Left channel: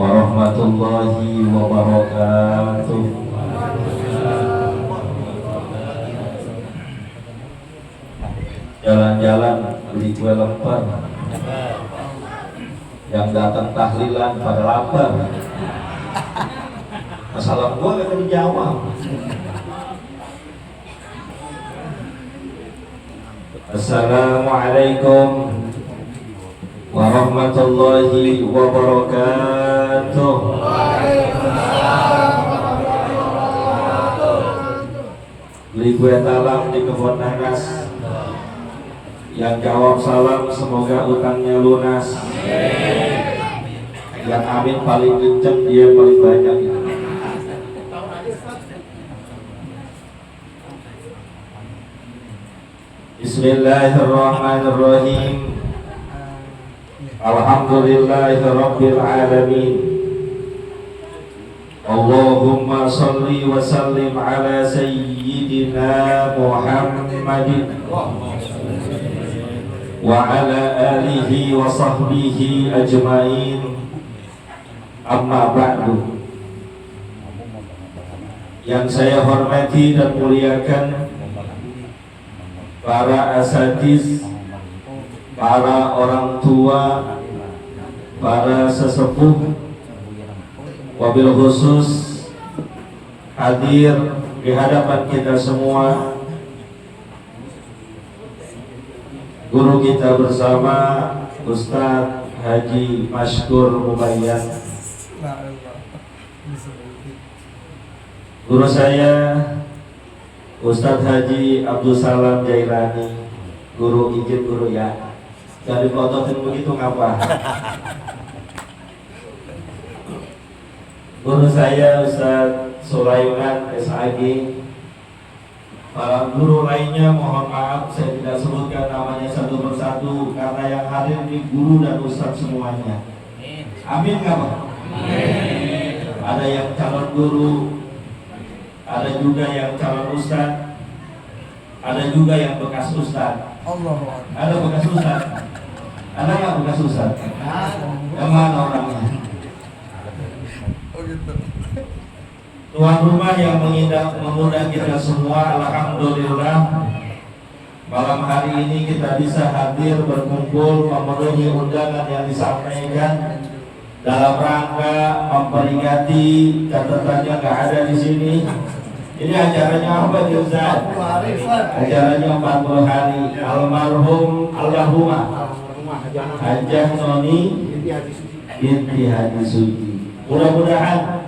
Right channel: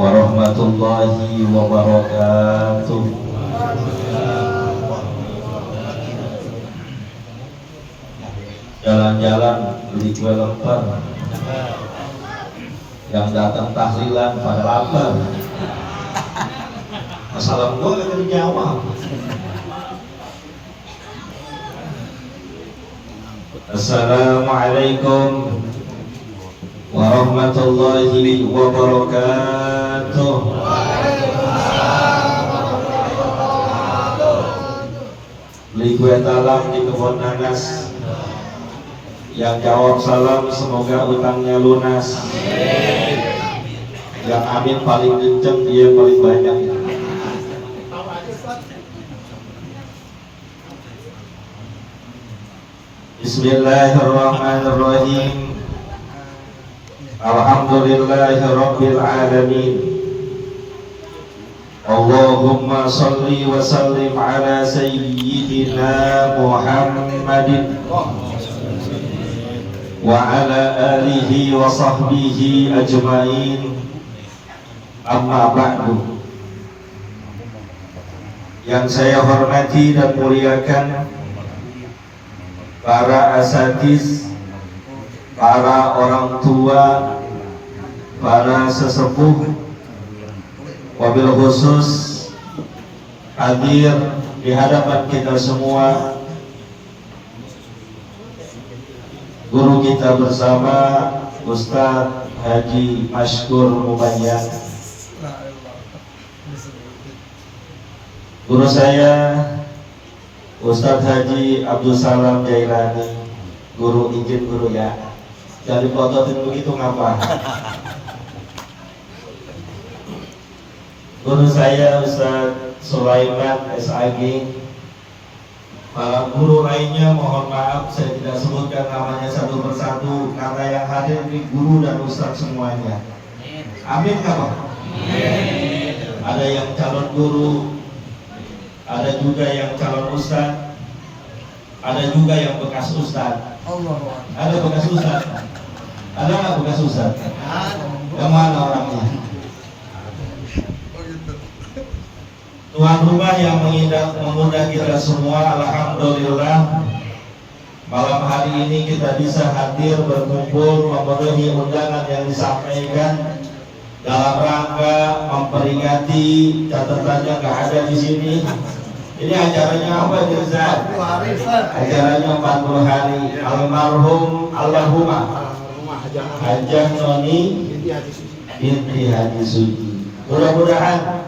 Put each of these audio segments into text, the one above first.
warahmatullahi wabarakatuh. Jalan-jalan beli kue lemper, yang datang tahlilan pada lapar. Masalah gua gak dijawab. Assalamualaikum warahmatullahi wabarakatuh. Beli kue talam di kebun nanas. Yang jawab salam semoga utangnya lunas. Yang amin paling kenceng, dia paling banyak. Bismillahirrahmanirrahim. Alhamdulillahirabbil alamin. Allahumma shalli wa sallim ala sayyidina Muhammadin wa ala alihi wa sahbihi ajmain. Amma ba'du. Yang saya hormati dan muliakan para asatiz, para orang tua, para sesepuh, wabil khusus hadir di hadapan kita semua, guru kita bersama Ustadz Haji Mashkur Mubayyan, guru saya Ustadz Haji Abdul Salam Jailani. Guru, izin guru ya, jangan dipototin begitu ngapa. Guru saya Ustadz Sulaiman SAG. Para guru lainnya mohon maaf saya tidak sebutkan namanya satu persatu karena yang hadir ini guru dan ustadz semuanya. Amin nggak Pak? Ada yang calon guru, ada juga yang calon ustadz, ada juga yang bekas ustadz. Ada bekas ustadz? Ada nggak bekas ustadz? Yang mana orangnya? Tuan rumah yang mengundang kita semua, alhamdulillah malam hari ini kita bisa hadir berkumpul memenuhi undangan yang disampaikan dalam rangka memperingati, catatannya nggak ada di sini. Ini acaranya apa nih Ustaz? Acaranya 40 hari almarhum Allahumma Hajah Noni binti Haji Suci. Mudah-mudahan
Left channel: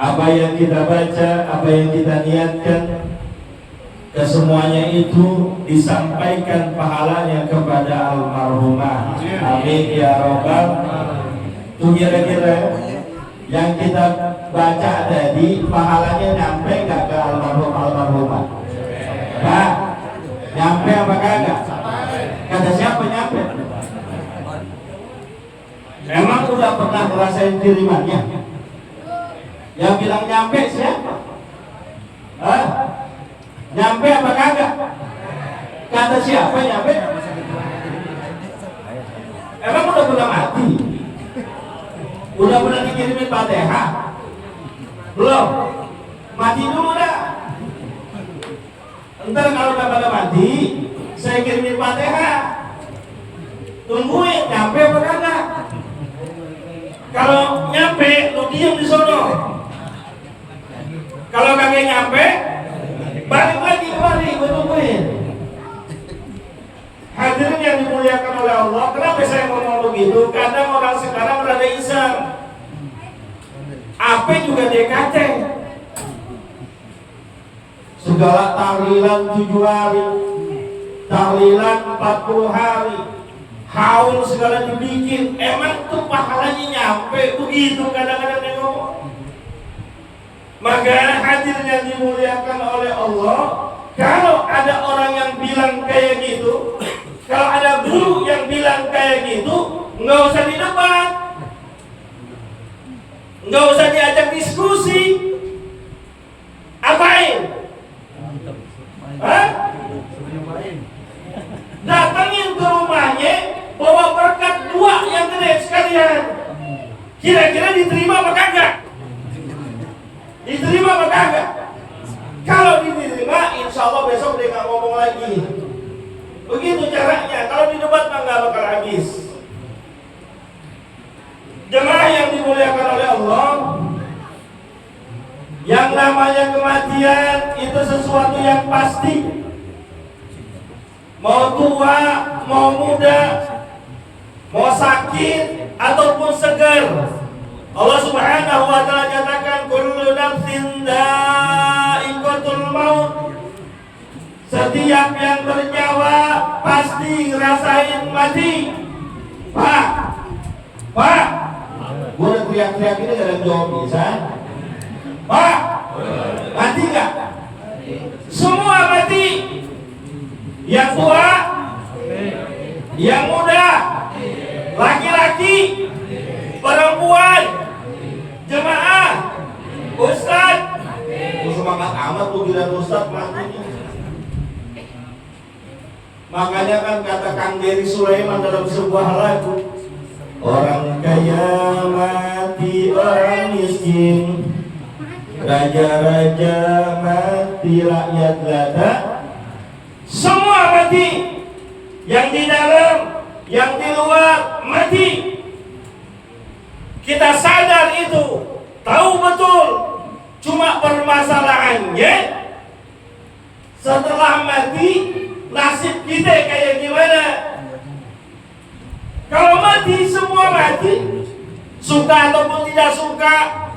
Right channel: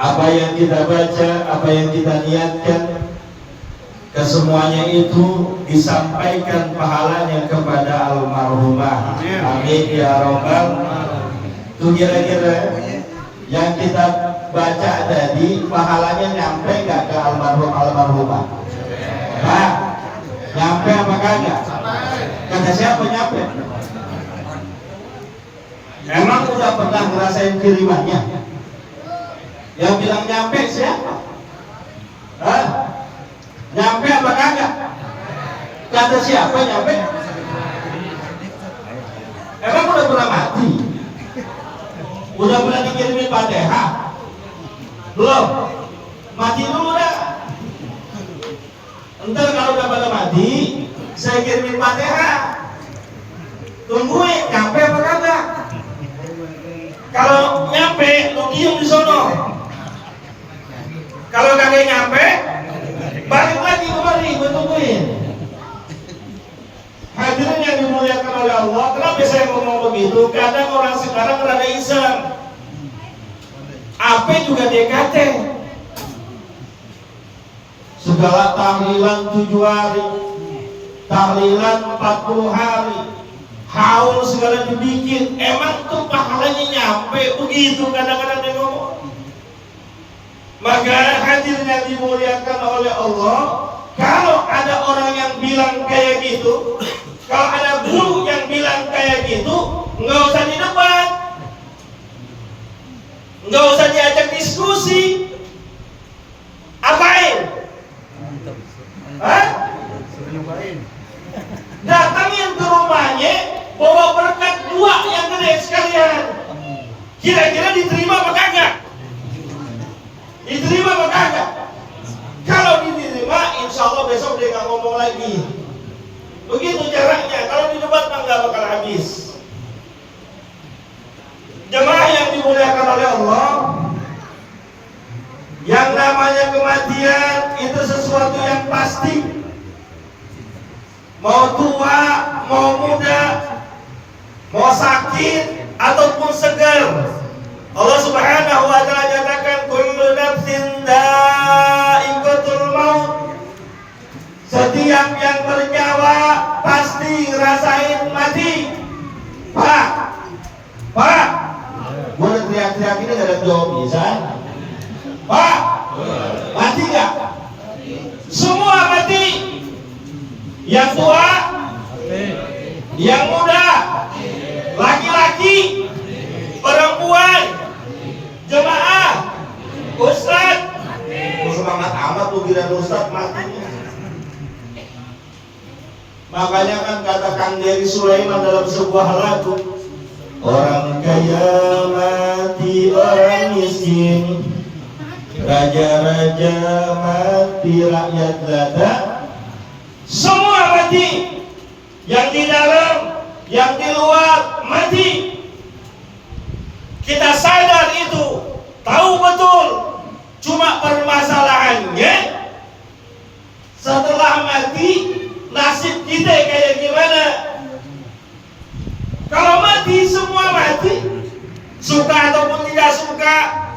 apa yang kita baca, apa yang kita niatkan, kesemuanya itu disampaikan pahalanya kepada almarhumah. Amin ya robbal. Itu kira-kira yang kita baca tadi pahalanya nyampe gak ke almarhumah? Nah, nyampe apa kagak? Kata siapa nyampe? Emang udah pernah ngerasain kirimannya? Yang bilang nyampe siapa? Hah? Nyampe apa kagak? Kata siapa nyampe? Emang udah pernah mati? Udah pernah dikirimin Fatihah? Belum? Mati dulu dah. Entar kalau udah pada mati, saya kirimin Fatihah. Tungguin nyampe apa kagak? Kalau nyampe, lu diem di sono. Kalau kagak nyampe, balik lagi kemari, gue tungguin. Hadirin yang dimuliakan oleh Allah, kenapa saya ngomong begitu? Kadang orang sekarang rada iseng. Apa juga DKT? Segala tahlilan 7 hari, tahlilan 40 hari, haul segala dibikin. Emang tuh pahalanya nyampe? Begitu kadang-kadang dia ngomong. Maka hadirin yang dimuliakan oleh Allah, kalau ada orang yang bilang kayak gitu, kalau ada guru yang bilang kayak gitu, nggak usah didebat, nggak usah diajak diskusi. Apain? Hah? Datangin ke rumahnya, bawa berkat 2 yang gede sekalian. Kira-kira diterima apa kagak? Diterima apa kagak? Kalau diterima, insya Allah besok dia nggak ngomong lagi. Begitu caranya. Kalau di debat mah nggak bakal habis. Jemaah yang dimuliakan oleh Allah, yang namanya kematian itu sesuatu yang pasti. Mau tua, mau muda, mau sakit ataupun segar, Allah Subhanahu wa taala nyatakan kullu nafsin dha'iqatul maut. Setiap yang bernyawa pasti ngerasain mati. Pak, gua udah teriak-teriak ini gak ada jawab bisa. Pak, mati gak? Semua mati. Yang tua, yang muda, laki-laki, perempuan, jemaah, ustaz. Semangat amat tuh giliran ustaz matinya. Makanya kan kata Kang Dery Sulaiman dalam sebuah lagu, orang kaya mati, orang miskin, raja-raja mati, rakyat lada, semua mati. Yang di dalam, yang di luar mati. Kita sadar itu, tahu betul. Cuma permasalahannya setelah mati nasib kita kayak gimana? Kalau mati semua mati, suka ataupun tidak suka,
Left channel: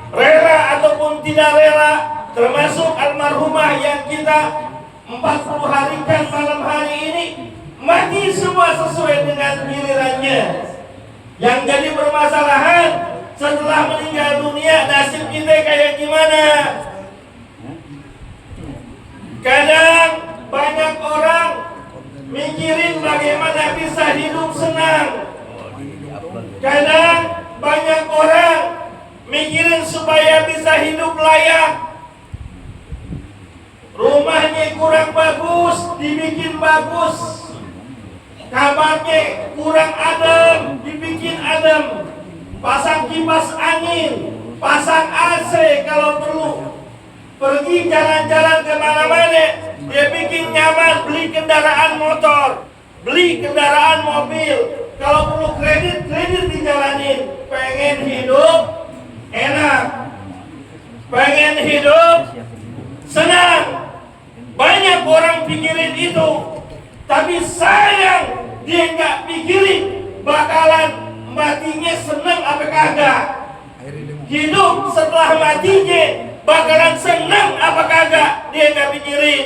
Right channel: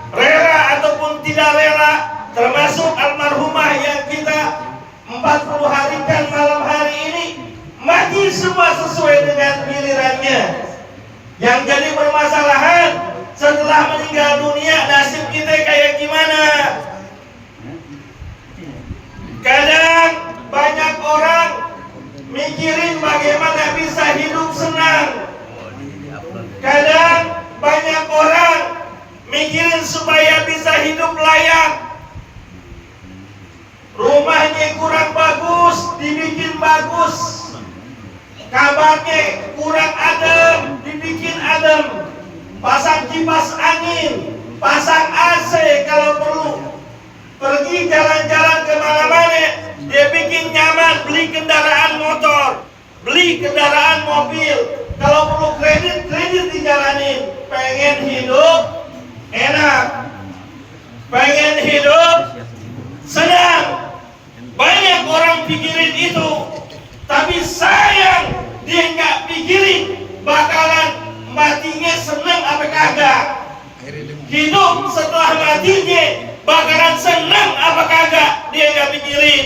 rela ataupun tidak rela, termasuk almarhumah yang kita 40 harikan malam hari ini, mati semua sesuai dengan gilirannya. Yang jadi permasalahan setelah meninggal dunia nasib kita kayak gimana? Kadang banyak orang mikirin bagaimana bisa hidup senang. Kadang banyak orang mikirin supaya bisa hidup layak. Rumahnya kurang bagus, dibikin bagus. Kamarnya kurang adem, dibikin adem. Pasang kipas angin, pasang AC kalau perlu. Pergi jalan-jalan kemana-mana, dia bikin nyaman, beli kendaraan motor, beli kendaraan mobil. Kalau perlu kredit dijalanin. Pengen hidup enak, pengen hidup senang. Banyak orang pikirin itu, tapi sayang dia nggak pikirin bakalan matinya senang apa kagak. Hidup setelah matinya bakalan senang apa kagak, dia nggak pikirin.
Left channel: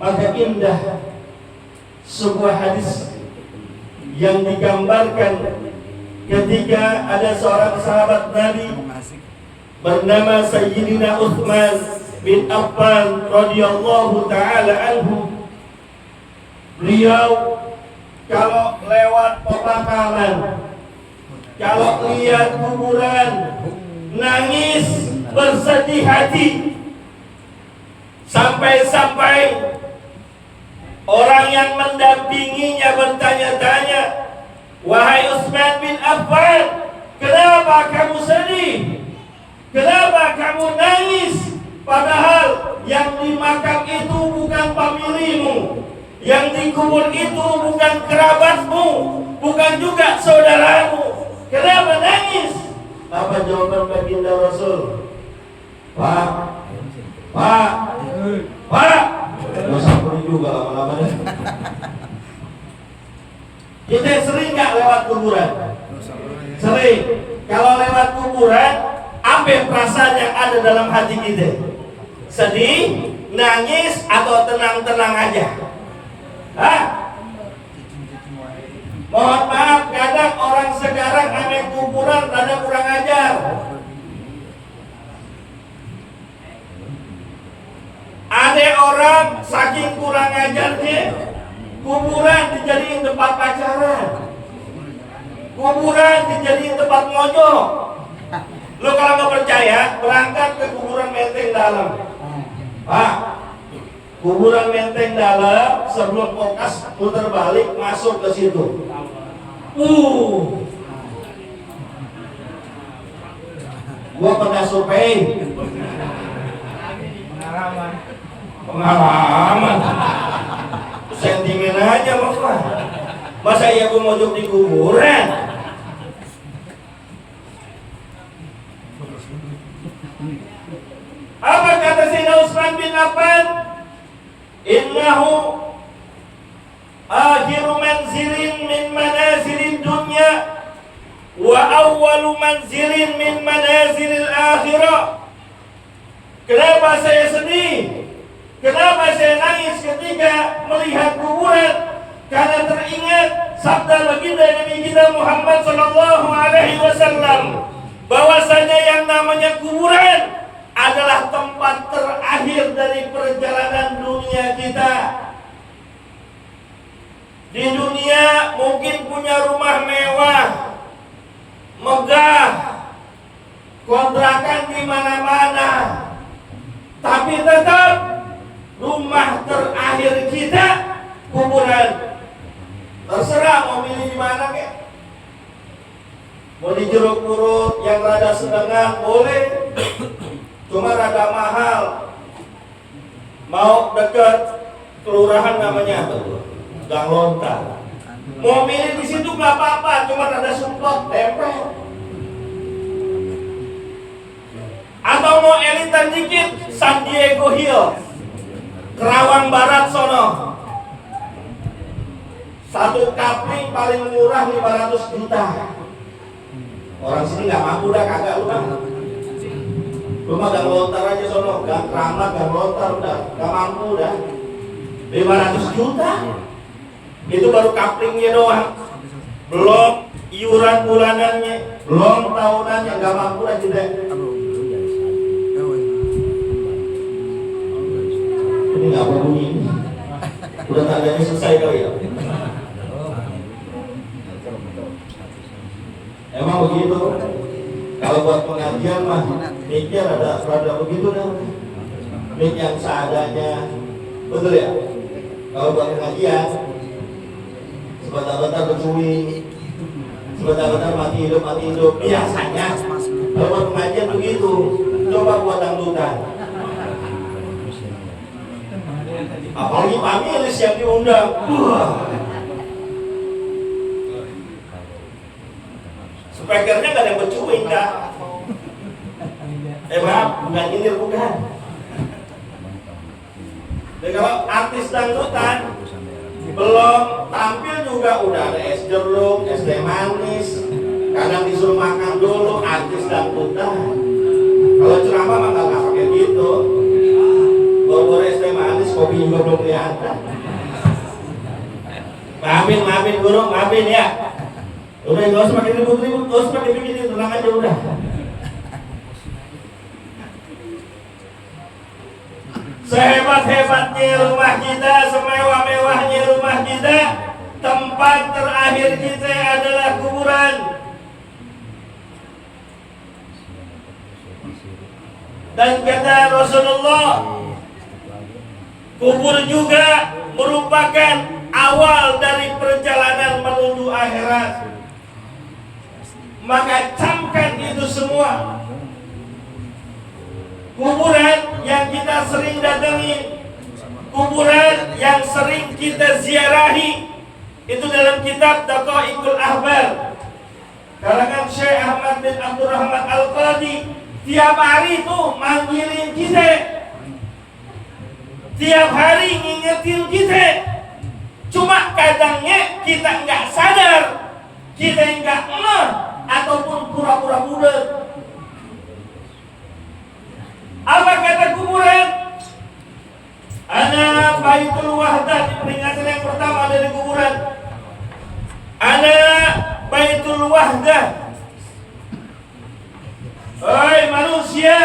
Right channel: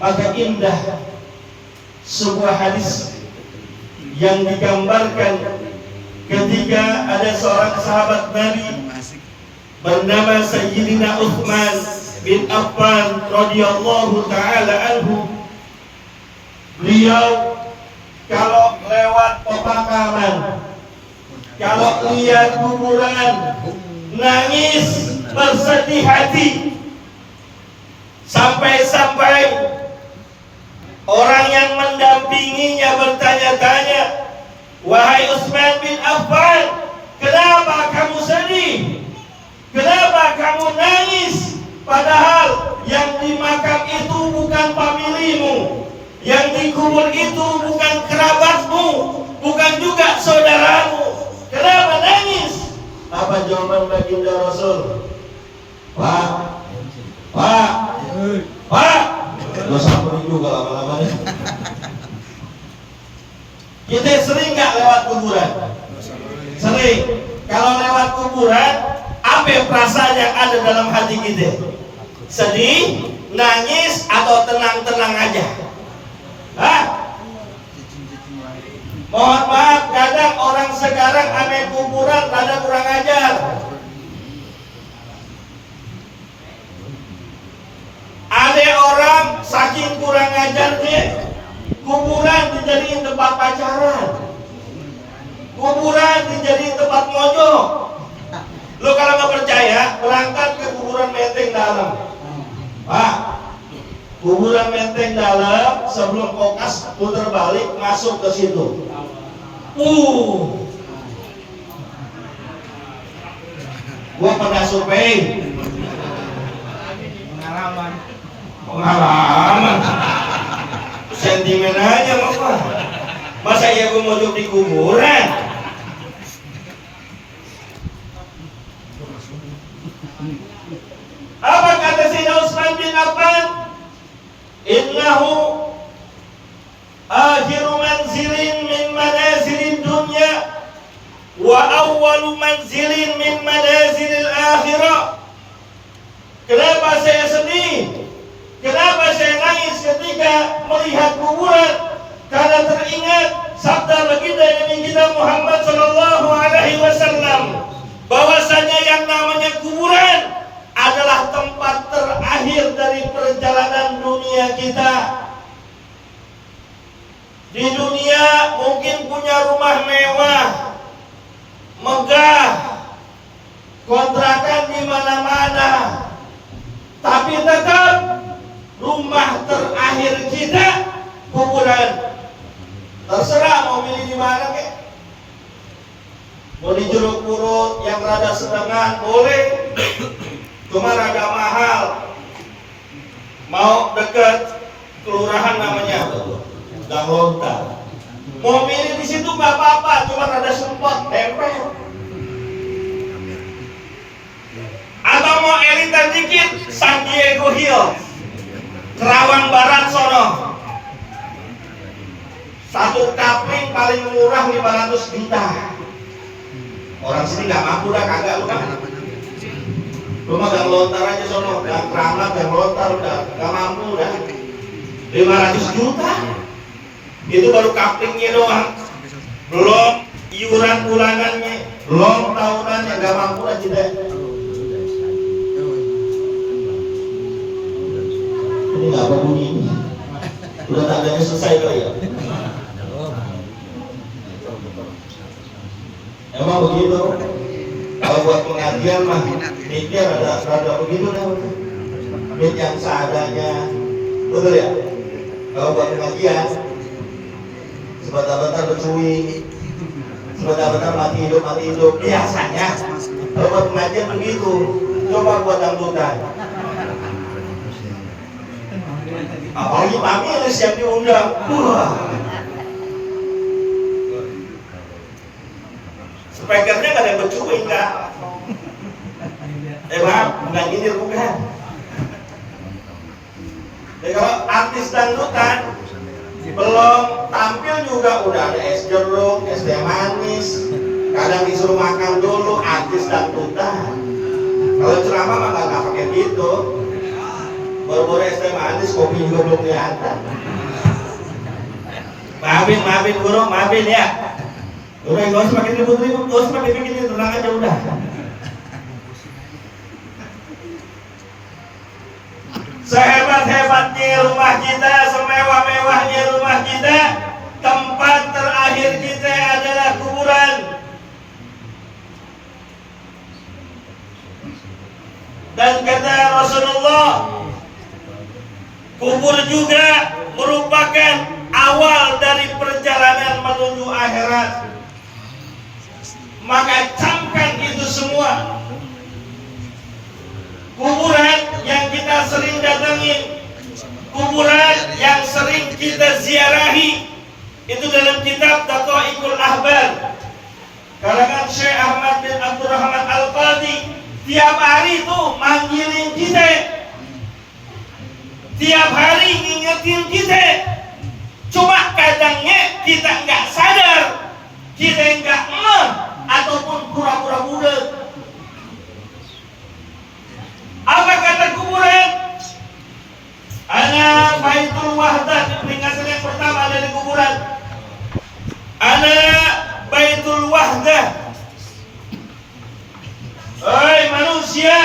Maka indah sebuah hadis yang digambarkan ketika ada seorang sahabat Nabi bernama Sayyidina Uthman bin Affan radhiyallahu taala anhu. Beliau kalau lewat pemakaman, kalau lihat kuburan, nangis bersedih hati. Sampai-sampai orang yang mendampinginya bertanya-tanya, wahai Utsman bin Affan, kenapa kamu sedih? Kenapa kamu nangis? Padahal yang di makam itu bukan familimu, yang dikubur itu bukan kerabatmu, bukan juga saudaramu. Kenapa nangis? Apa jawaban baginda Rasul? Pak, gak sampai juga lama-lama nih. Kita sering gak lewat kuburan? Sering. Kalau lewat kuburan, apa perasaan yang ada dalam hati kita? Sedih, nangis, atau tenang-tenang aja? Hah? Mohon maaf, kadang orang sekarang ame kuburan rada kurang ajar. Ada orang saking kurang ajarnya, kuburan dijadiin tempat pacaran, kuburan dijadiin tempat mojok. Lo kalau nggak percaya, berangkat ke kuburan Menteng dalam. Pak, Kuburan menteng dalam, sebelum kokas putar balik masuk ke situ. Gua pernah survei. Pengalaman. Sentimen aja masa iya gua mojok di kuburan? Apa kata Sayyidina Utsman bin Affan? Innahu akhiru manzilin min manazilid dunya wa awwalu manzilin min manazilil akhirah. Kenapa saya sedih? Kenapa saya nangis ketika melihat kuburan? Karena teringat sabda baginda Nabi kita Muhammad sallallahu alaihi wasallam bahwasanya yang namanya kuburan adalah tempat terakhir dari perjalanan dunia kita. Di dunia mungkin punya rumah mewah, megah, kontrakan di mana-mana, tapi tetap rumah terakhir kita kuburan. Terserah mau milih di mana kek. Mau di Jeruk Purut yang rada sedengan boleh, cuma rada mahal. Mau dekat kelurahan namanya Gang Lontar, mau milih di situ nggak apa-apa, cuma rada sempot tempel. Atau mau elitan dikit, San Diego Hills, Kerawang Barat sono. Satu kapling paling murah 500 juta. Orang sini nggak mampu dah, kagak lu kan. Lu mah Gang Lontar aja sono, Gang Kramat, Gang Lontar udah nggak mampu dah. 500 juta. Itu baru kaplingnya doang. Belum iuran bulanannya, belum tahunannya, nggak mampu dah tidak. Ini nggak apa bunyi ini. Udah tandanya selesai kali ya. Emang begitu. Kalau buat pengajian mah mikir ada begitu dah. Mik yang seadanya, betul ya. Kalau buat pengajian sebentar-bentar bercuwi, sebentar-bentar mati hidup biasanya. Kalau buat pengajian begitu. Coba buat dangdutan. Apalagi pamil siap diundang. Speakernya gak ada yang bercuing kak. Maaf, bukan nyindir bukan. Jadi kalau artis dangdutan belum tampil juga udah ada es jeruk, es teh manis. Kadang disuruh makan dulu artis dangdutan. Kalau ceramah mah gak pakai gitu. Baru es teh manis, kopi juga belum kelihatan. Maafin guru, maafin ya. Udah gak usah pakai ribut-ribut, gak usah pakai bikin, tenang aja udah. Sehebat-hebatnya rumah kita, semewah-mewahnya rumah kita, tempat terakhir kita adalah kuburan. Dan kata Rasulullah, kubur juga merupakan awal dari perjalanan menuju akhirat. Maka camkan itu semua. Kuburan yang kita sering datangi, kuburan yang sering kita ziarahi, itu dalam kitab Daqaiqul Ahbar karangan Syekh Ahmad bin Abdurrahman Al-Qadhi. Tiap hari itu manggilin kita, tiap hari ngingetin kita. Cuma kadangnya kita nggak sadar, kita nggak ngeh, ataupun pura-pura budak. Apa kata kuburan? Ana baitul wahdah, di peringatan yang pertama ada di kuburan. Ana baitul wahdah. Hei manusia,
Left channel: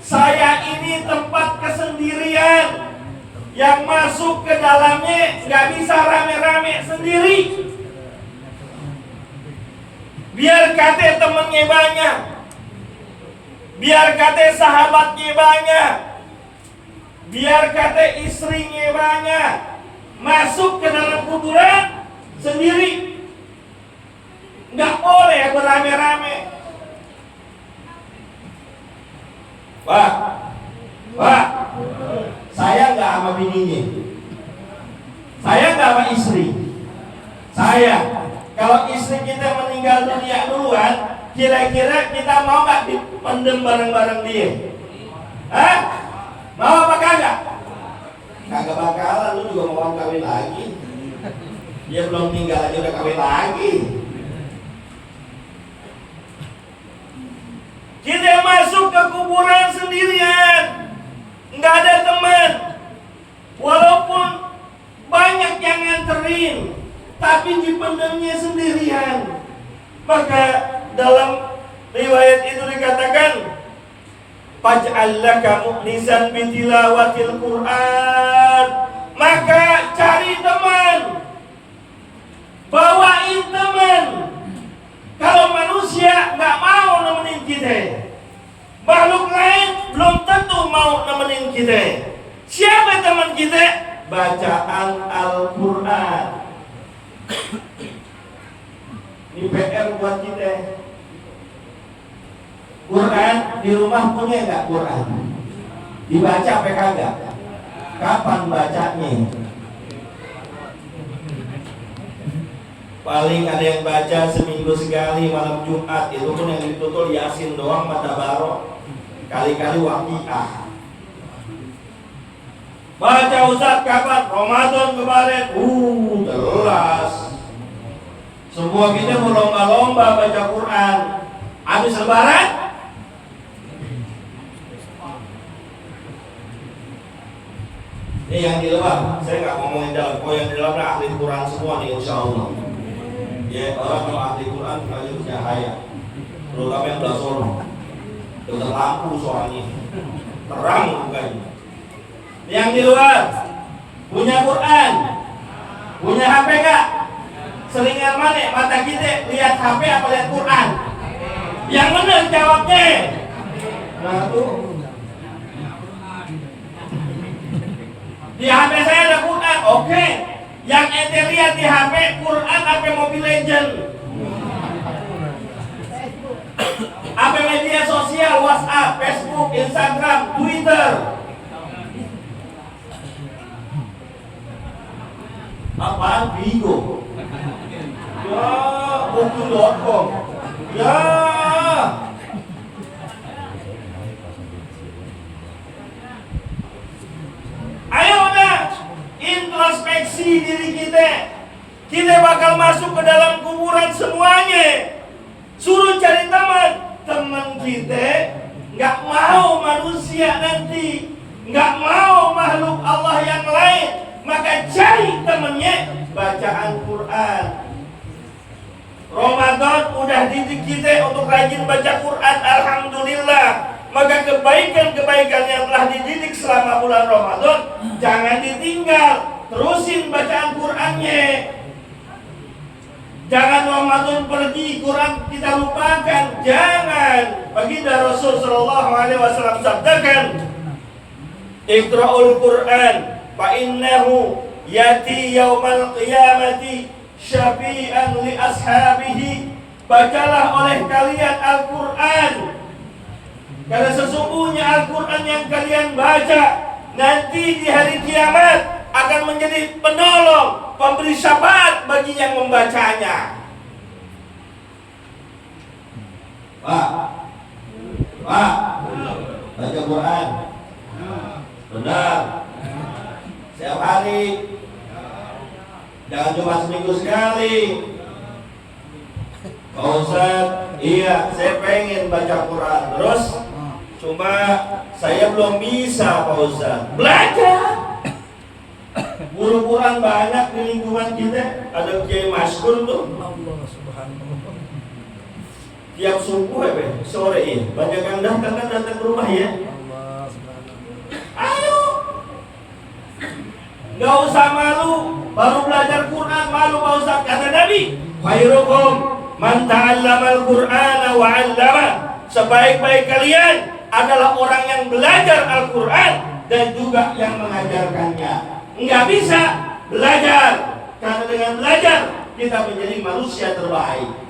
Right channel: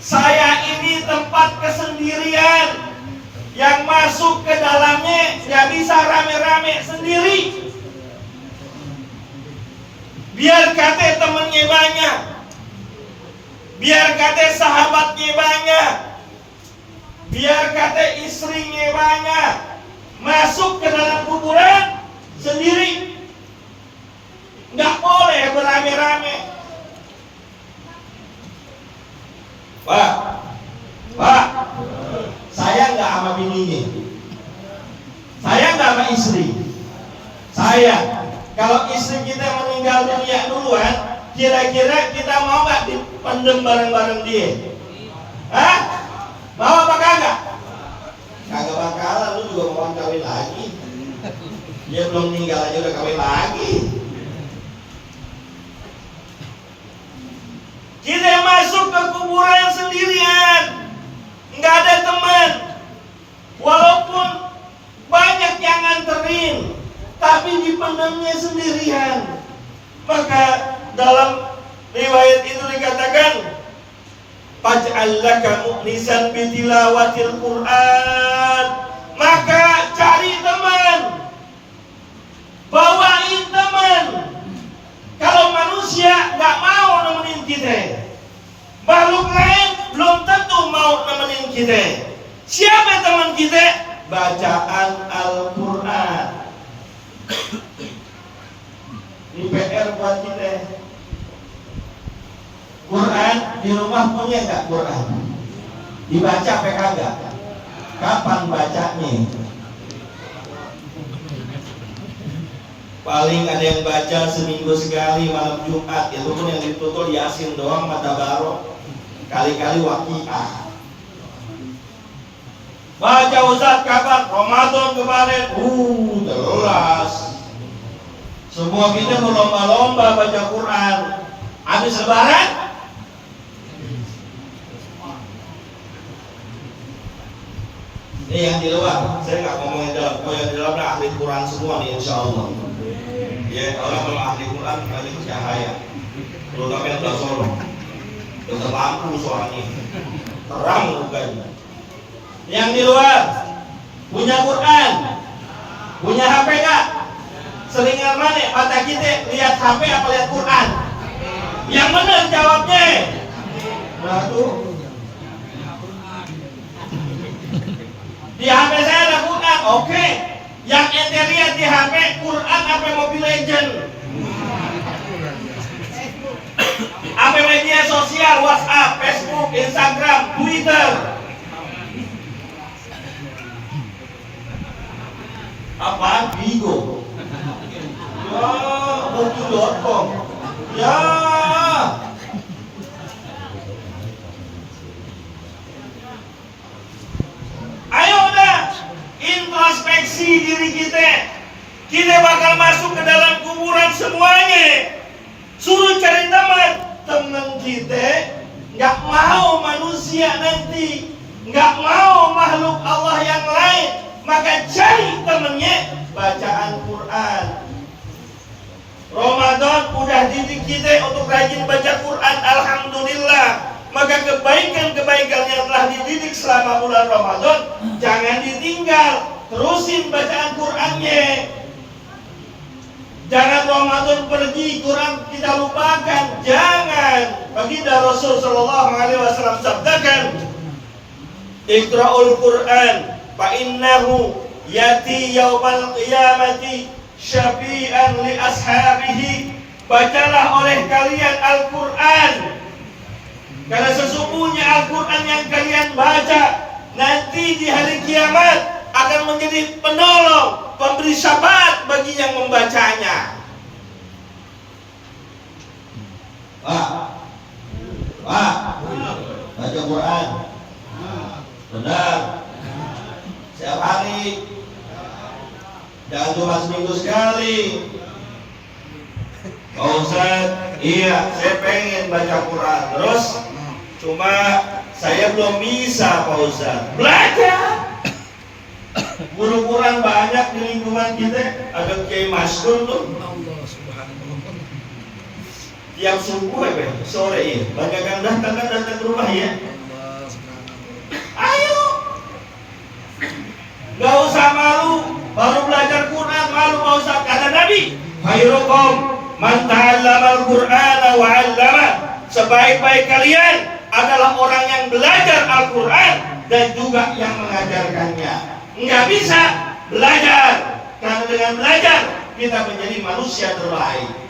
saya ini tempat kesendirian. Yang masuk ke dalamnya nggak bisa rame-rame sendiri. Biar kate temennya banyak, biar kate sahabatnya banyak, Biar kata istrinya banyak masuk ke dalam kuburan sendiri. Nggak boleh berame-rame. Pak, saya nggak sama bininya, saya nggak sama istri. Saya, kalau istri kita meninggal dunia duluan, kira-kira kita mau nggak dipendem bareng-bareng dia? Hah? Mau apa kagak? Kagak bakalan, lu juga mau kawin lagi. Dia belum tinggal aja udah kawin lagi. Kita masuk ke kuburan sendirian, nggak ada teman. Walaupun banyak yang nganterin, tapi dipendamnya sendirian. Maka dalam riwayat itu dikatakan, faj'al laka mu'nisan bitilawatil Qur'an. Maka cari teman, bawain teman. Kalau manusia nggak mau nemenin kita, makhluk lain belum tentu mau nemenin kita. Siapa teman kita? Bacaan Al-Quran. Ini PR buat kita. Quran di rumah punya nggak Quran? Dibaca apa kagak? Kapan bacanya? Paling ada yang baca seminggu sekali malam Jumat, itu pun yang ditutul Yasin doang, mata baro, kali-kali Waqiah. Baca Ustaz kapan? Ramadan kemarin. Jelas. Semua kita berlomba-lomba baca Quran. Habis lebaran yang di luar, saya nggak ngomongin dalam. Oh, yang di dalam ahli Quran semua nih, insya Allah. Ya, orang kalau ahli Quran kali cahaya, terutama yang udah solo, dengan lampu suaranya, terang mukanya. Yang di luar punya Quran, punya HP nggak? Seringan mana mata kita lihat HP apa lihat Quran? Yang benar jawabnya. Nah tuh. Di HP saya ada Quran, oke. Yang ente lihat di HP Quran apa Mobile Legend? Apa media sosial, WhatsApp, Facebook, Instagram, Twitter? Apaan? Bigo. Ya, Booking.com. Ya. Ayo udah introspeksi diri kita. Kita bakal masuk ke dalam kuburan semuanya. Suruh cari teman. Teman kita nggak mau manusia nanti, nggak mau makhluk Allah yang lain. Maka cari temannya bacaan Quran. Ramadan udah didik kita untuk rajin baca Quran, alhamdulillah. Maka kebaikan-kebaikan yang telah dididik selama bulan Ramadan jangan ditinggal, terusin bacaan Qurannya. Jangan Ramadan pergi, Quran kita lupakan. Jangan. Baginda Rasul sallallahu alaihi wasallam sabdakan, Iqra'ul Quran fa innahu yati yaumal qiyamati syafi'an li ashabihi. Bacalah oleh kalian Al-Quran, karena sesungguhnya Al-Quran yang kalian baca nanti di hari kiamat akan menjadi penolong, pemberi syafaat bagi yang membacanya. Pak, baca Quran benar setiap hari, jangan cuma seminggu sekali. Pak Ustaz, iya saya pengen baca Quran, terus cuma saya belum bisa. Pak Ustaz, belajar. Guru Quran banyak di lingkungan kita, ada Kiai Masyhur tuh. Allah Subhanahu. Tiap subuh sore ya, banyak yang datang ke rumah ya. Allah Subhanahu. Ayo, nggak usah malu, baru belajar Quran malu Pak Ustaz. Kata Nabi, khairukum man ta'allamal Qur'ana wa 'allama. Sebaik-baik kalian adalah orang yang belajar Al-Quran dan juga yang mengajarkannya. Nggak bisa belajar, karena dengan belajar kita menjadi manusia terbaik.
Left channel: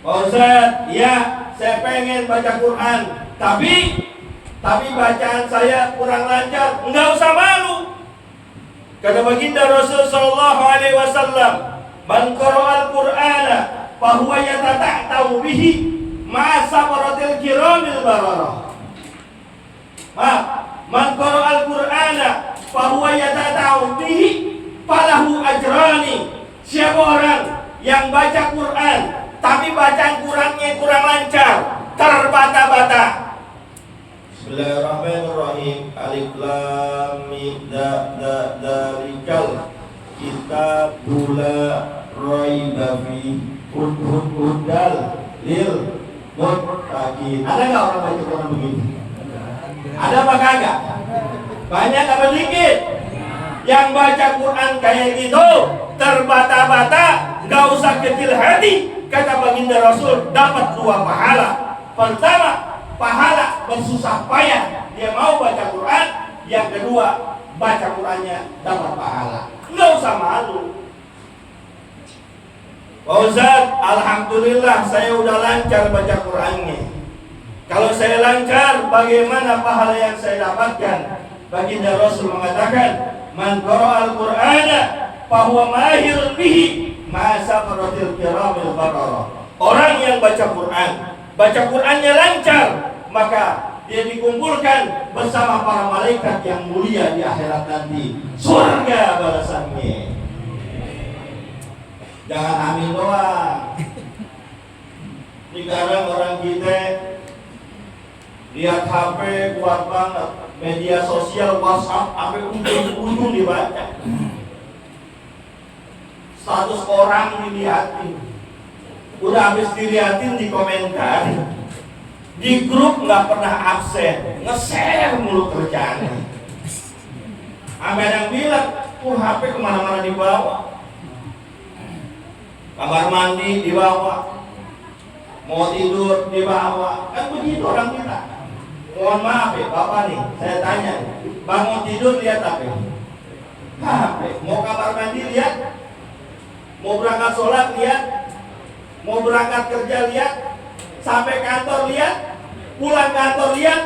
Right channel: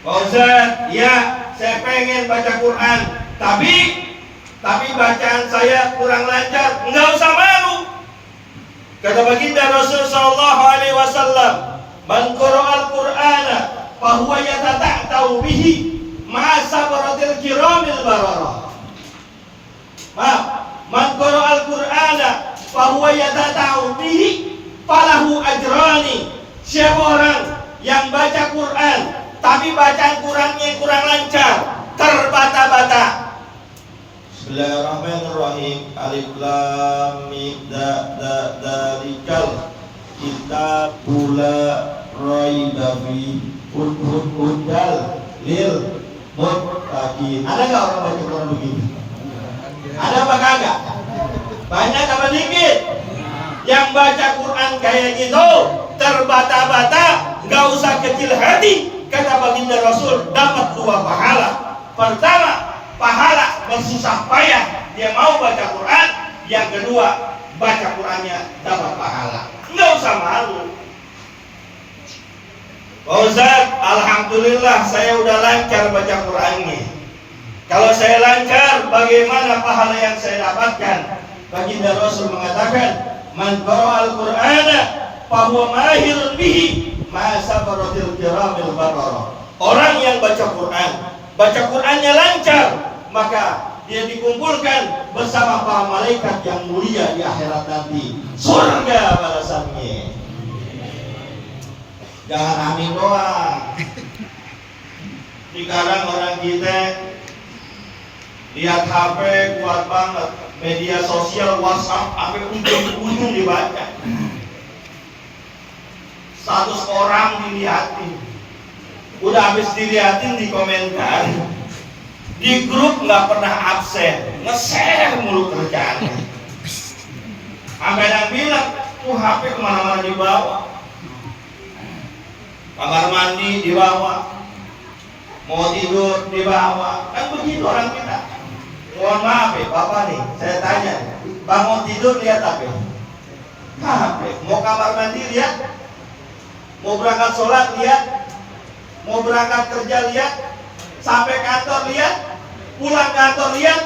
Pak Ustaz, ya saya pengen baca Quran, tapi bacaan saya kurang lancar. Nggak usah malu. Kata baginda Rasul sallallahu alaihi wasallam, "Man qara'al Qur'ana fa huwa yatata'u bihi ma sabaratil kiramil bararah." Man qara'al Qur'ana fa huwa yatata'u bihi falahu ajrani. Siapa orang yang baca Quran tapi bacaan Qurannya kurang lancar, terbata-bata. Bismillahirrahmanirrahim. Alif lam mim dalikal kitabul la raiba fi hudal lil muttaqin. Ada enggak orang baca Quran begini? Ada apa kagak? Banyak apa dikit? Yang baca Quran kayak gitu terbata-bata, enggak usah kecil hati. Kata baginda Rasul, dapat 2 pahala. Pertama, pahala bersusah payah dia mau baca Quran. Yang kedua, baca Qurannya dapat pahala. Nggak usah malu. Pak Ustaz, alhamdulillah saya udah lancar baca Qurannya. Kalau saya lancar, bagaimana pahala yang saya dapatkan? Baginda Rasul mengatakan, "Man qara'al Qur'ana fa huwa mahirun bihi ma sabaratil kiramil bararah." Orang yang baca Qurannya lancar, maka dia dikumpulkan bersama para malaikat yang mulia di akhirat nanti. Surga balasannya. Jangan amin doang. Sekarang orang kita lihat HP kuat banget, media sosial WhatsApp sampai ujung-ujung dibaca. Status orang dilihatin, udah habis dilihatin dikomentarin. Di grup nggak pernah absen, nge-share mulu kerjaannya. Sampai yang bilang, HP kemana-mana dibawa, kamar mandi dibawa, mau tidur dibawa, kan begitu orang kita. Mohon maaf ya Bapak nih, saya tanya, bangun tidur lihat HP, mau kamar mandi lihat, mau berangkat sholat lihat, mau berangkat kerja lihat, sampai kantor lihat, pulang kantor lihat.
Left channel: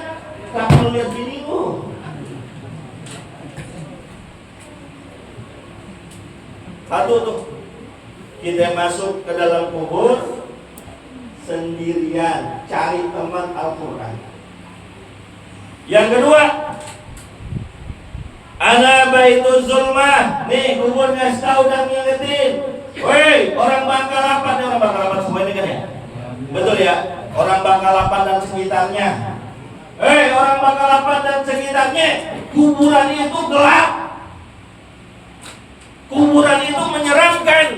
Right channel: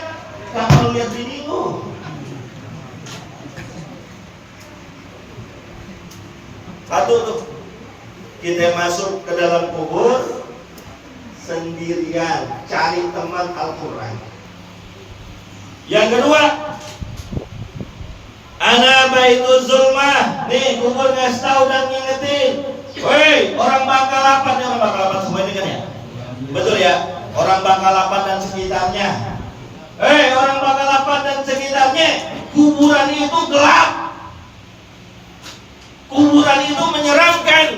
Kamu lihat binimu. Satu tuh, kita masuk ke dalam kubur sendirian, cari teman Al-Quran. Yang kedua, ana baitu zulmah. Nih kubur ngasih tahu dan ngingetin, woi orang Bangkalapan, orang Bangkalapan semua ini kan ya? Betul ya? Orang Bangkalapan dan sekitarnya. Orang Bangkalapan dan sekitarnya, kuburan itu gelap. Kuburan itu menyeramkan.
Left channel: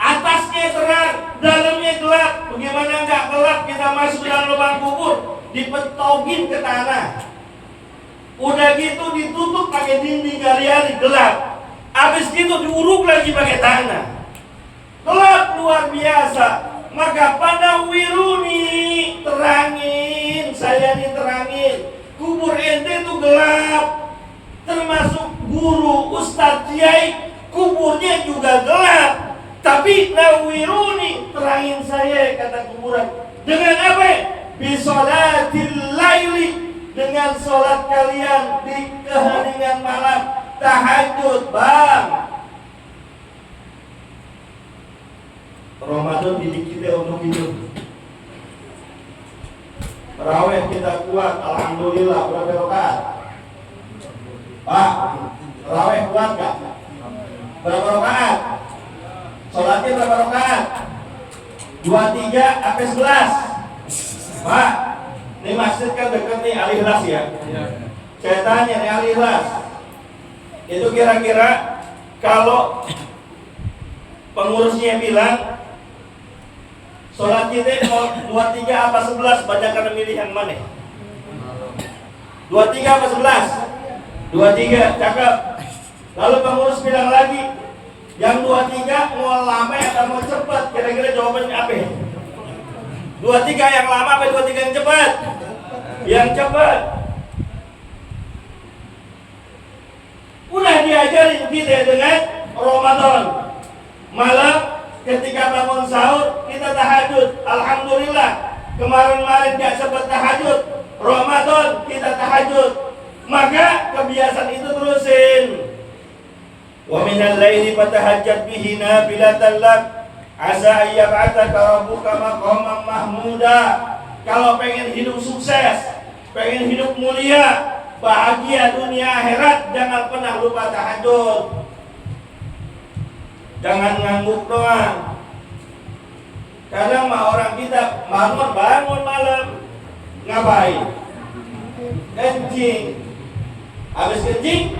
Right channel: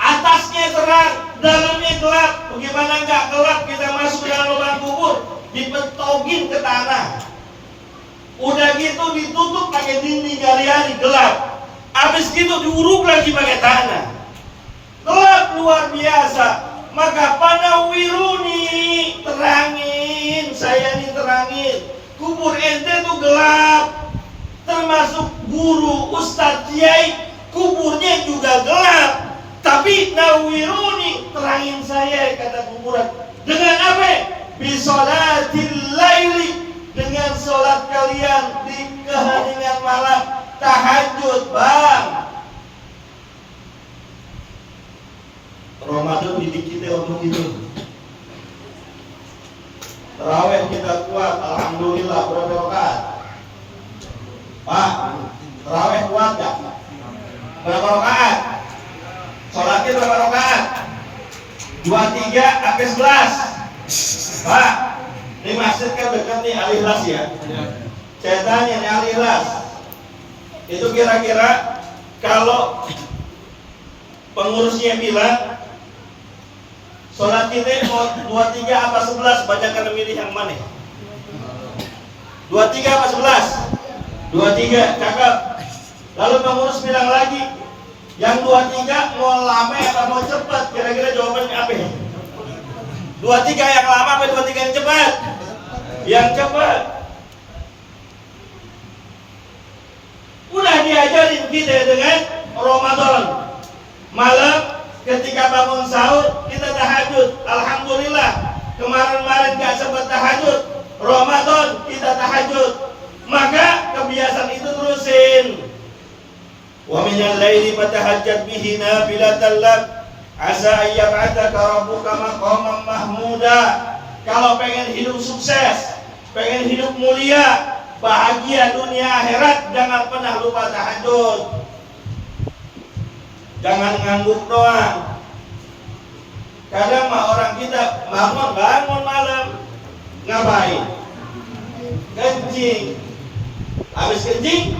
Atasnya terang, dalamnya gelap. Bagaimana enggak gelap kita masuk dalam lubang kubur, dipetogin ke tanah. Udah gitu ditutup pakai dinding gali-gali, gelap. Habis gitu diuruk lagi pakai tanah. Gelap luar biasa. Maka pada wiruni, terangin, saya diterangin. Kubur ente itu gelap. Termasuk guru, ustadz, kiai, kuburnya juga gelap. Tapi nawiruni, terangin saya, kata kuburan. Dengan apa? Bisolatil laili, dengan sholat kalian di keheningan malam, tahajud, bang. Ramadan didik kita untuk itu. Tarawih kita kuat, alhamdulillah. Berapa rakaat? Pak, tarawih kuat gak? Berapa rakaat? Sholatnya berapa rakaat? 23 sampai 11. Pak, ini masjid kan dekat nih Al-Ikhlas ya. Saya tanya nih Al-Ikhlas, itu kira-kira kalau pengurusnya bilang sholat kita mau 23 apa 11, banyak kan milih yang mana? 23 apa 11? 23, cakep. Lalu pengurus bilang lagi, yang 23 mau lama atau mau cepat? Kira-kira jawabannya apa? 23 yang lama apa 23 yang cepat? yang cepat. Udah diajarin kita dengan Ramadan. Malam ketika bangun sahur kita tahajud. Alhamdulillah, kemarin-kemarin gak sempat tahajud, Ramadan kita tahajud. Maka kebiasaan itu terusin. Wa minal laili fatahajjat bihi nafilatan lak asa ayyab'ataka rabbuka maqaman mahmuda. Kalau pengen hidup sukses, pengen hidup mulia, bahagia dunia akhirat, jangan pernah lupa tahajud. Jangan ngangguk doang. Kadang mah orang kita bangun malam, ngapain? Kencing. Habis kencing,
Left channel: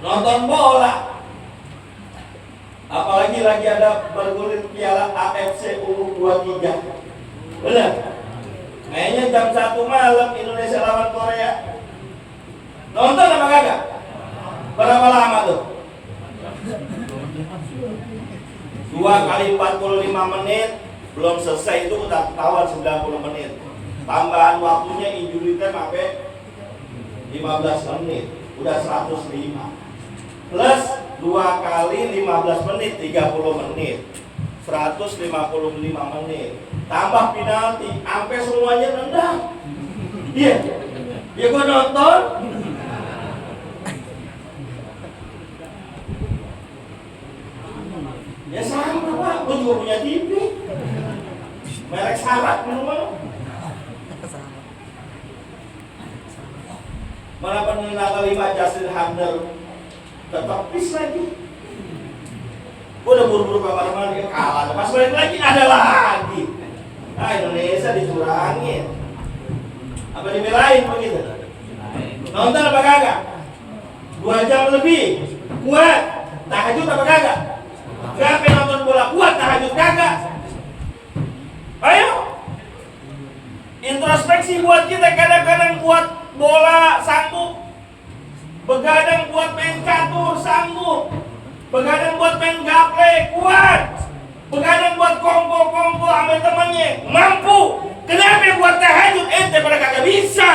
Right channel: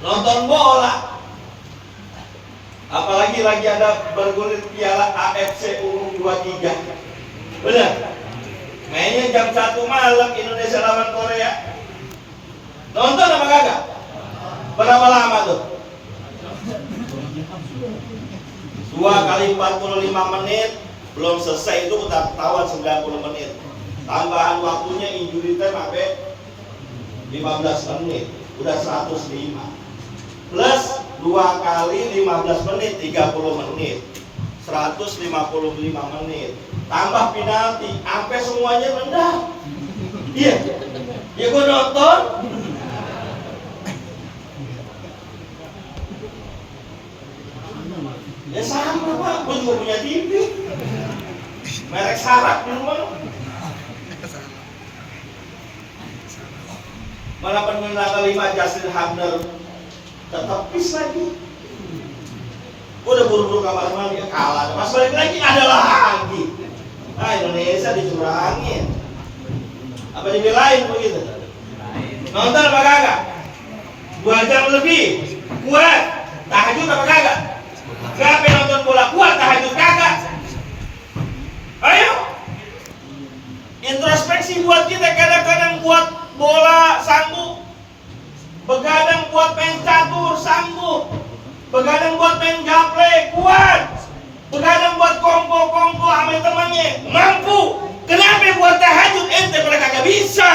nonton bola. Apalagi lagi ada bergulir piala AFC U23. Benar? Mainnya jam 1 malam, Indonesia lawan Korea. Nonton apa kagak? Berapa lama tuh? 2 kali 45 menit. Belum selesai itu udah ketahuan 90 menit. Tambahan waktunya injury time sampai 15 menit. Udah 105. Plus 2 kali 15 menit 30 menit. 155 menit. Tambah penalti, sampai semuanya rendah. Iya. Ya gua nonton. Ya sama Pak, gua juga punya TV. Merek Sarak di rumah. Mana pemenang kelima Justin Hamner tetap pis lagi. Gua udah buru-buru kamar mandi, kalah. Pas balik lagi ada lagi. Nah, Indonesia dicurangin. Apa dibelain begitu? Nonton apa kagak? 2 jam lebih. Kuat. Tahajud apa kagak? Siapa yang nonton bola kuat tahajud kagak? Ayo. Introspeksi buat kita, kadang-kadang buat bola sanggup. Begadang buat main catur sanggup. Begadang buat main gaple kuat. Begadang buat kongko-kongko sama temannya mampu. Kenapa buat tahajud ente pada kagak bisa?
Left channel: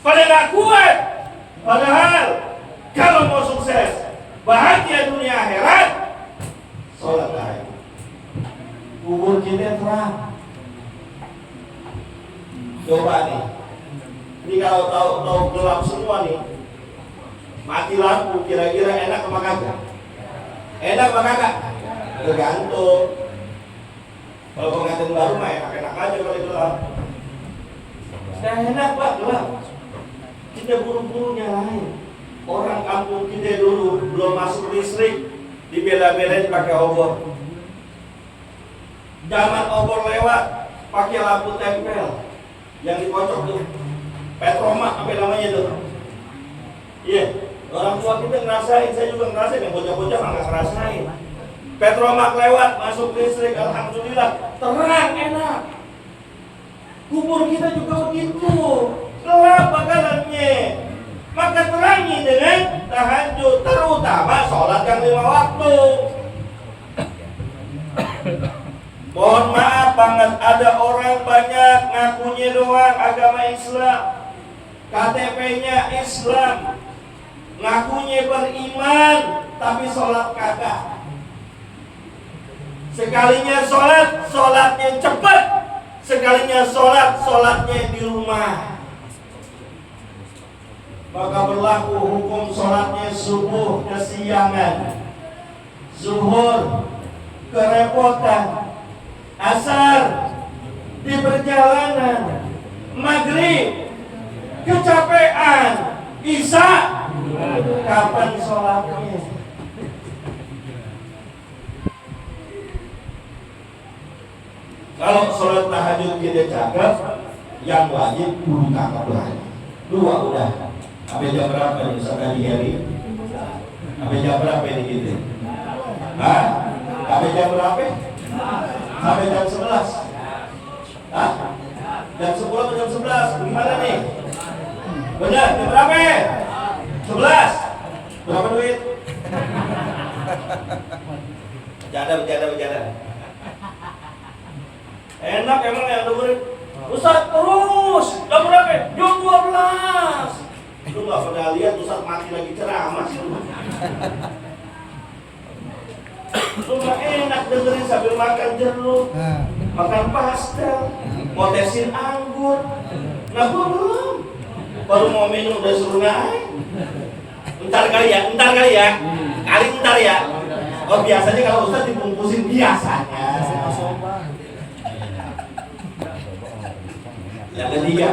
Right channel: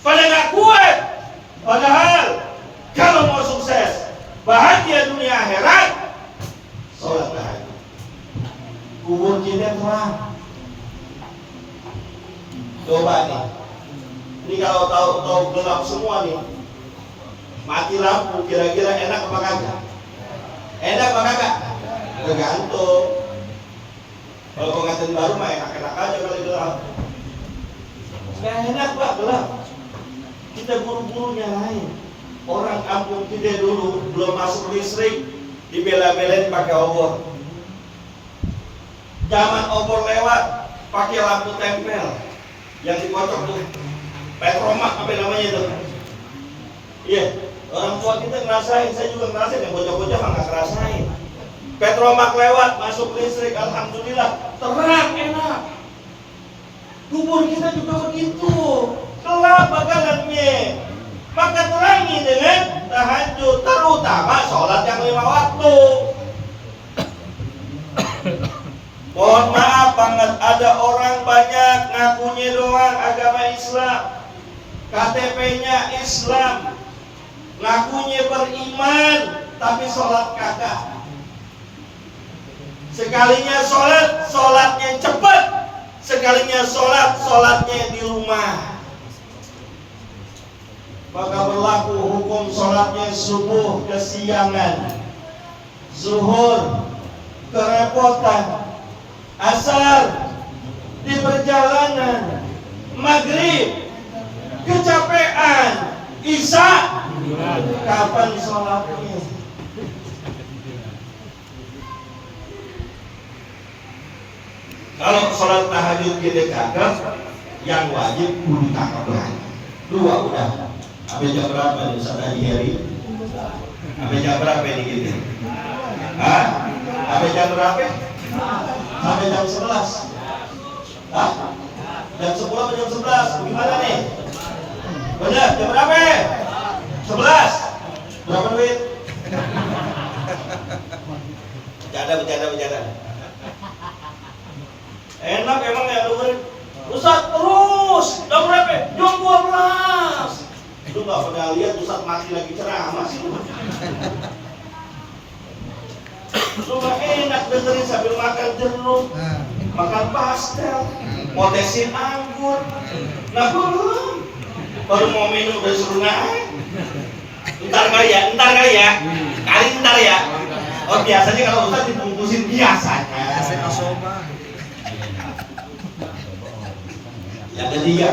Pada gak kuat. Padahal kalau mau sukses, bahagia dunia akhirat, sholat tahajud. Kubur kita terang. Coba nih. Ini kalau tahu gelap semua nih. Mati lampu, kira-kira enak apa kagak? Enak apa kagak? Tergantung. Kalau pengantin baru mah enak-enak aja kalau gelap. Sudah enak Pak gelap. Kita buru-buru nyalain. Orang kampung kita dulu belum masuk listrik, dibela-belain pakai obor. Zaman obor lewat, pakai lampu tempel yang dikocok tuh, petromak apa namanya tuh. Iya, orang tua kita ngerasain, saya juga ngerasain, yang bocah-bocah nggak ngerasain. Petromak lewat, masuk listrik, alhamdulillah, terang, enak. Kubur kita juga begitu, gelap bakalannya. Maka terangi dengan tahajud, terutama sholat yang 5 waktu. Mohon maaf banget, ada orang banyak ngakunya doang agama Islam, KTP-nya Islam, ngakunya beriman, tapi sholat kagak. Sekalinya sholat, sholatnya cepat. Sekalinya sholat, sholatnya di rumah. Maka berlaku hukum sholatnya subuh kesiangan, zuhur kerepotan, asar di perjalanan, maghrib kecapean, isya kapan sholatnya? Kalau sholat tahajud kita cakep, yang wajib kudu cakep lagi. 2 udah. Sampai jam berapa nih Ustaz Hari? Sampai jam berapa nih kita? Hah? Sampai jam berapa? Sampai jam 11. Hah? Jam 10 atau jam 11? Gimana nih? Benar, jam berapa? 11. Berapa duit? Bercanda. Enak emang ya dengerin. Ustaz mati lagi ceramah sih. Lu mah enak dengerin sambil makan jeruk, makan pastel, motesin anggur. Nah belum, baru mau minum udah suruh naik. Ntar kali ya, ntar ya. Oh biasanya kalau Ustaz dibungkusin biasanya. Yang ketiga,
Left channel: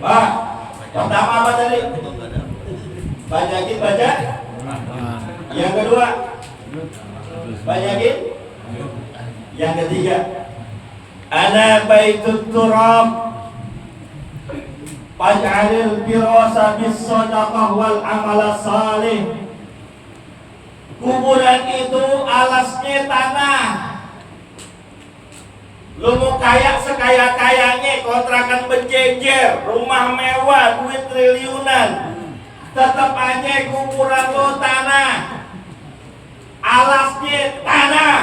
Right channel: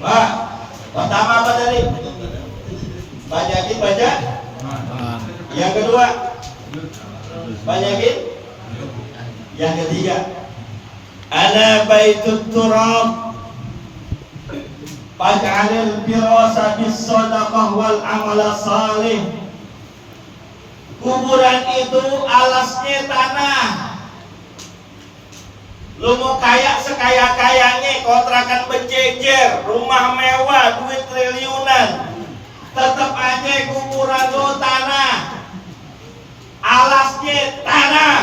Pak, pertama apa tadi? Banyakin baca. Yang kedua, banyakin. Yang ketiga, ana baitut turab faj'alil firasa bis sadaqah wal amala salih. Kuburan itu alasnya tanah. Lu mau kaya sekaya-kayanya, kontrakan berjejer, rumah mewah, duit triliunan, tetap aja kuburan lu tanah. Alasnya tanah,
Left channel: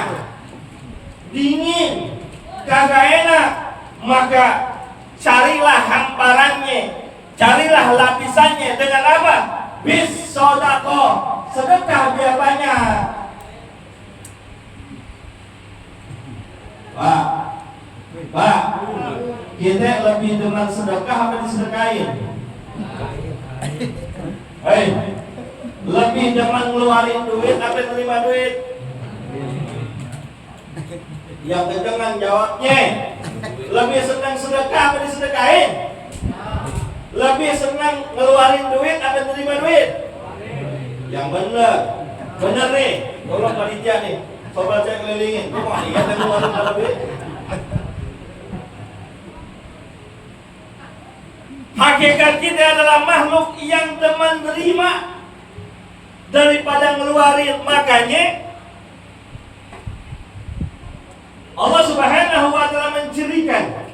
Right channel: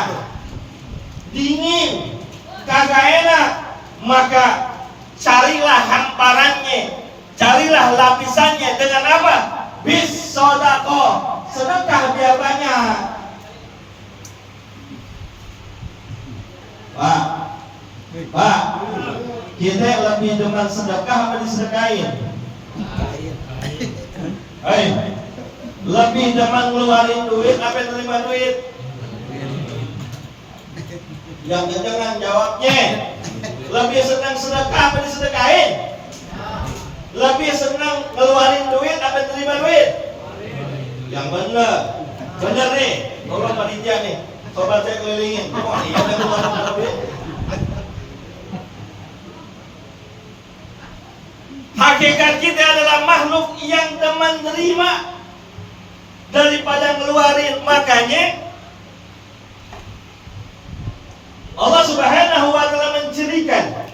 dingin, kagak enak. Maka carilah hamparannya, carilah lapisannya dengan apa? Bis sodako, sedekah biar banyak. Pak, kita lebih demen sedekah apa disedekain? Hei, lebih demen ngeluarin duit apa terima duit? Yang kedengan jawabnya. Lebih senang sedekah apa disedekain? Lebih senang ngeluarin duit apa terima duit? Yang bener nih. Tolong panitia nih, sobat saya kelilingin. Kok iya kan ngeluarin duit? Hakikat kita adalah makhluk yang teman nerima daripada ngeluarin. Makanya Allah Subhanahu wa ta'ala mencirikan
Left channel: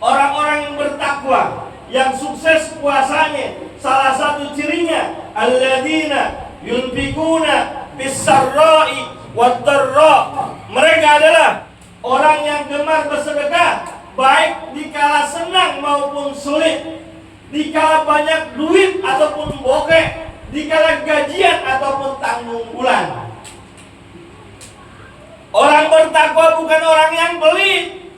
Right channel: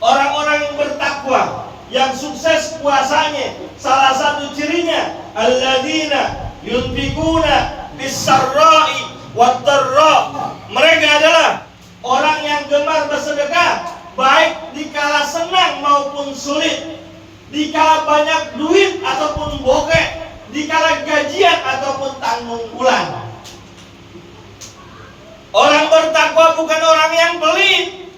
orang-orang yang bertakwa, yang sukses puasanya. Salah satu cirinya alladzina yunfikuna bis-sarra'i wad-dharra. Mereka adalah orang yang gemar bersedekah baik dikala senang maupun sulit, dikala banyak duit ataupun bokeh, dikala gajian ataupun tanggung bulan. Orang bertakwa bukan orang yang pelit,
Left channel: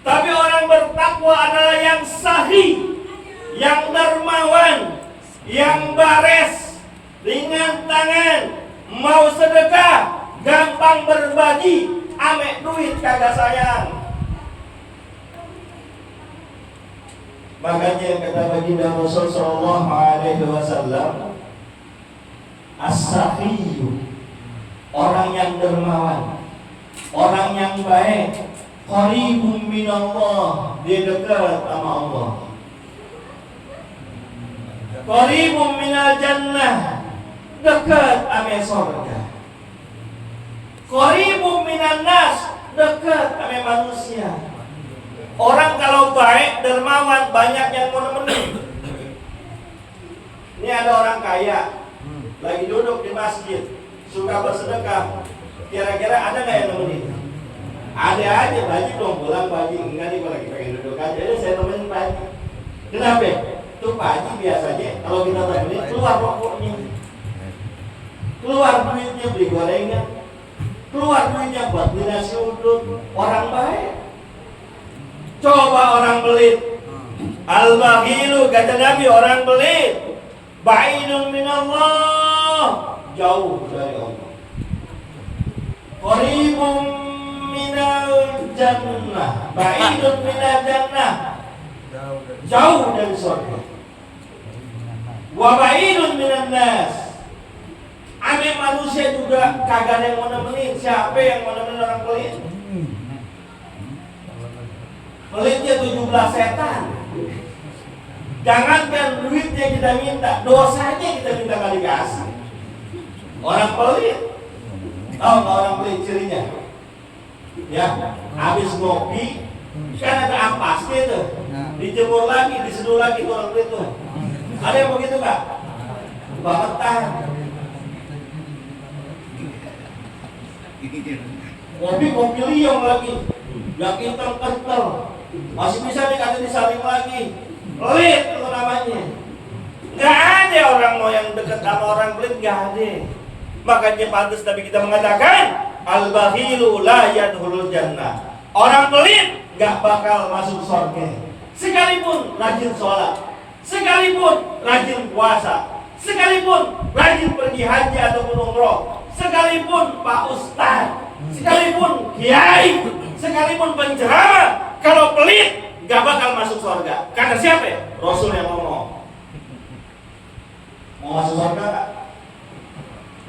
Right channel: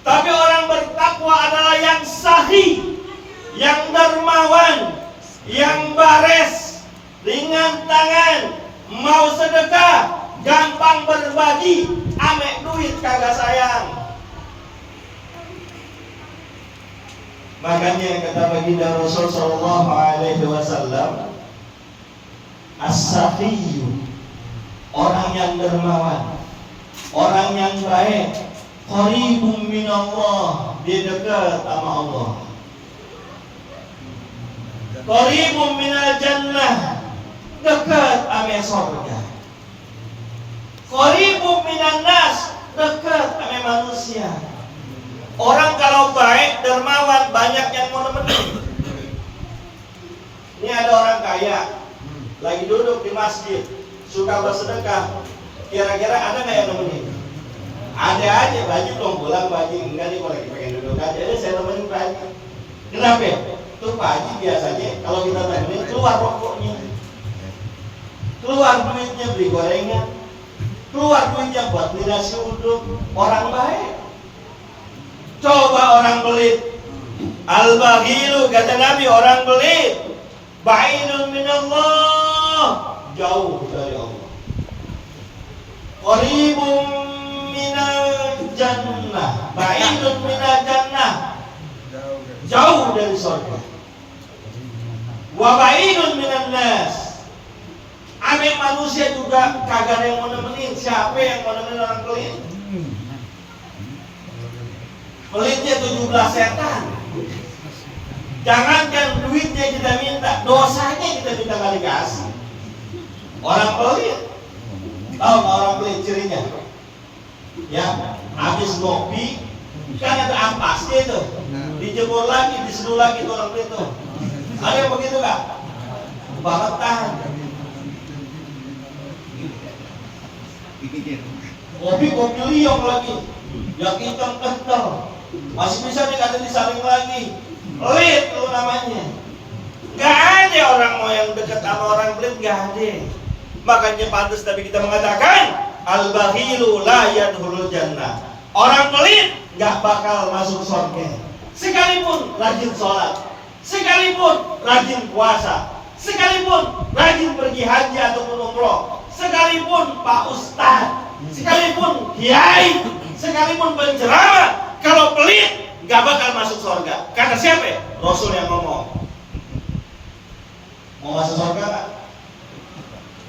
tapi orang bertakwa adalah yang sahih, yang dermawan, yang bares, ringan tangan, mau sedekah, gampang berbagi, ame duit kagak sayang. Makanya kata baginda Rasul sallallahu alaihi wasallam, as-sakhiyyu, orang yang dermawan, orang yang baik, qaribun minallah, dia dekat sama Allah. Qaribun minal jannah, dekat sama surga. Qaribun minan nas, dekat sama manusia. Orang kalau baik, dermawan, banyak yang mau nemenin. Ini ada orang kaya lagi duduk di masjid, suka bersedekah. Kira-kira ada nggak yang nemenin? Ada aja, baju dong pulang baju. Enggak nih, kalau lagi pengen duduk aja, jadi saya nemenin baju. Kenapa? Tuh baju biasanya kalau kita temenin keluar rokoknya, keluar duitnya beli gorengan, keluar duitnya buat beli nasi uduk. Orang baik. Coba orang pelit, al-baghilu, kata Nabi, orang pelit ba'idun minallah, jauh dari Allah. Qaribun minal jannah, ba'idun minal jannah, jauh dari surga. Wa ba'idun minan nas, ame manusia juga kagak ada yang mau nemenin. Siapa yang mau nemenin orang pelit? Pelitnya 17 setan. Jangankan duitnya kita minta, dosanya kita minta kali kasih. Orang pelit, tahu nggak orang pelit cirinya? Ya, habis ngopi kan ada ampasnya itu, dijemur lagi, diseduh lagi tuh orang pelit tuh. Ada yang begitu nggak? Bangetan. Kopi liong lagi, yang hitam kental. Masih bisa dikata disaring lagi. Pelit itu namanya. Gak ada orang mau yang dekat sama orang pelit, gak ada. Makanya pantas Nabi kita mengatakan, al-bakhilu la yadkhulul jannah. Orang pelit gak bakal masuk surga. Sekalipun rajin sholat, sekalipun rajin puasa, sekalipun rajin pergi haji ataupun umroh, sekalipun Pak Ustadz, sekalipun kiai, sekalipun penceramah, kalau pelit gak bakal masuk surga. Kata siapa? Rasul yang ngomong. Mau masuk surga gak?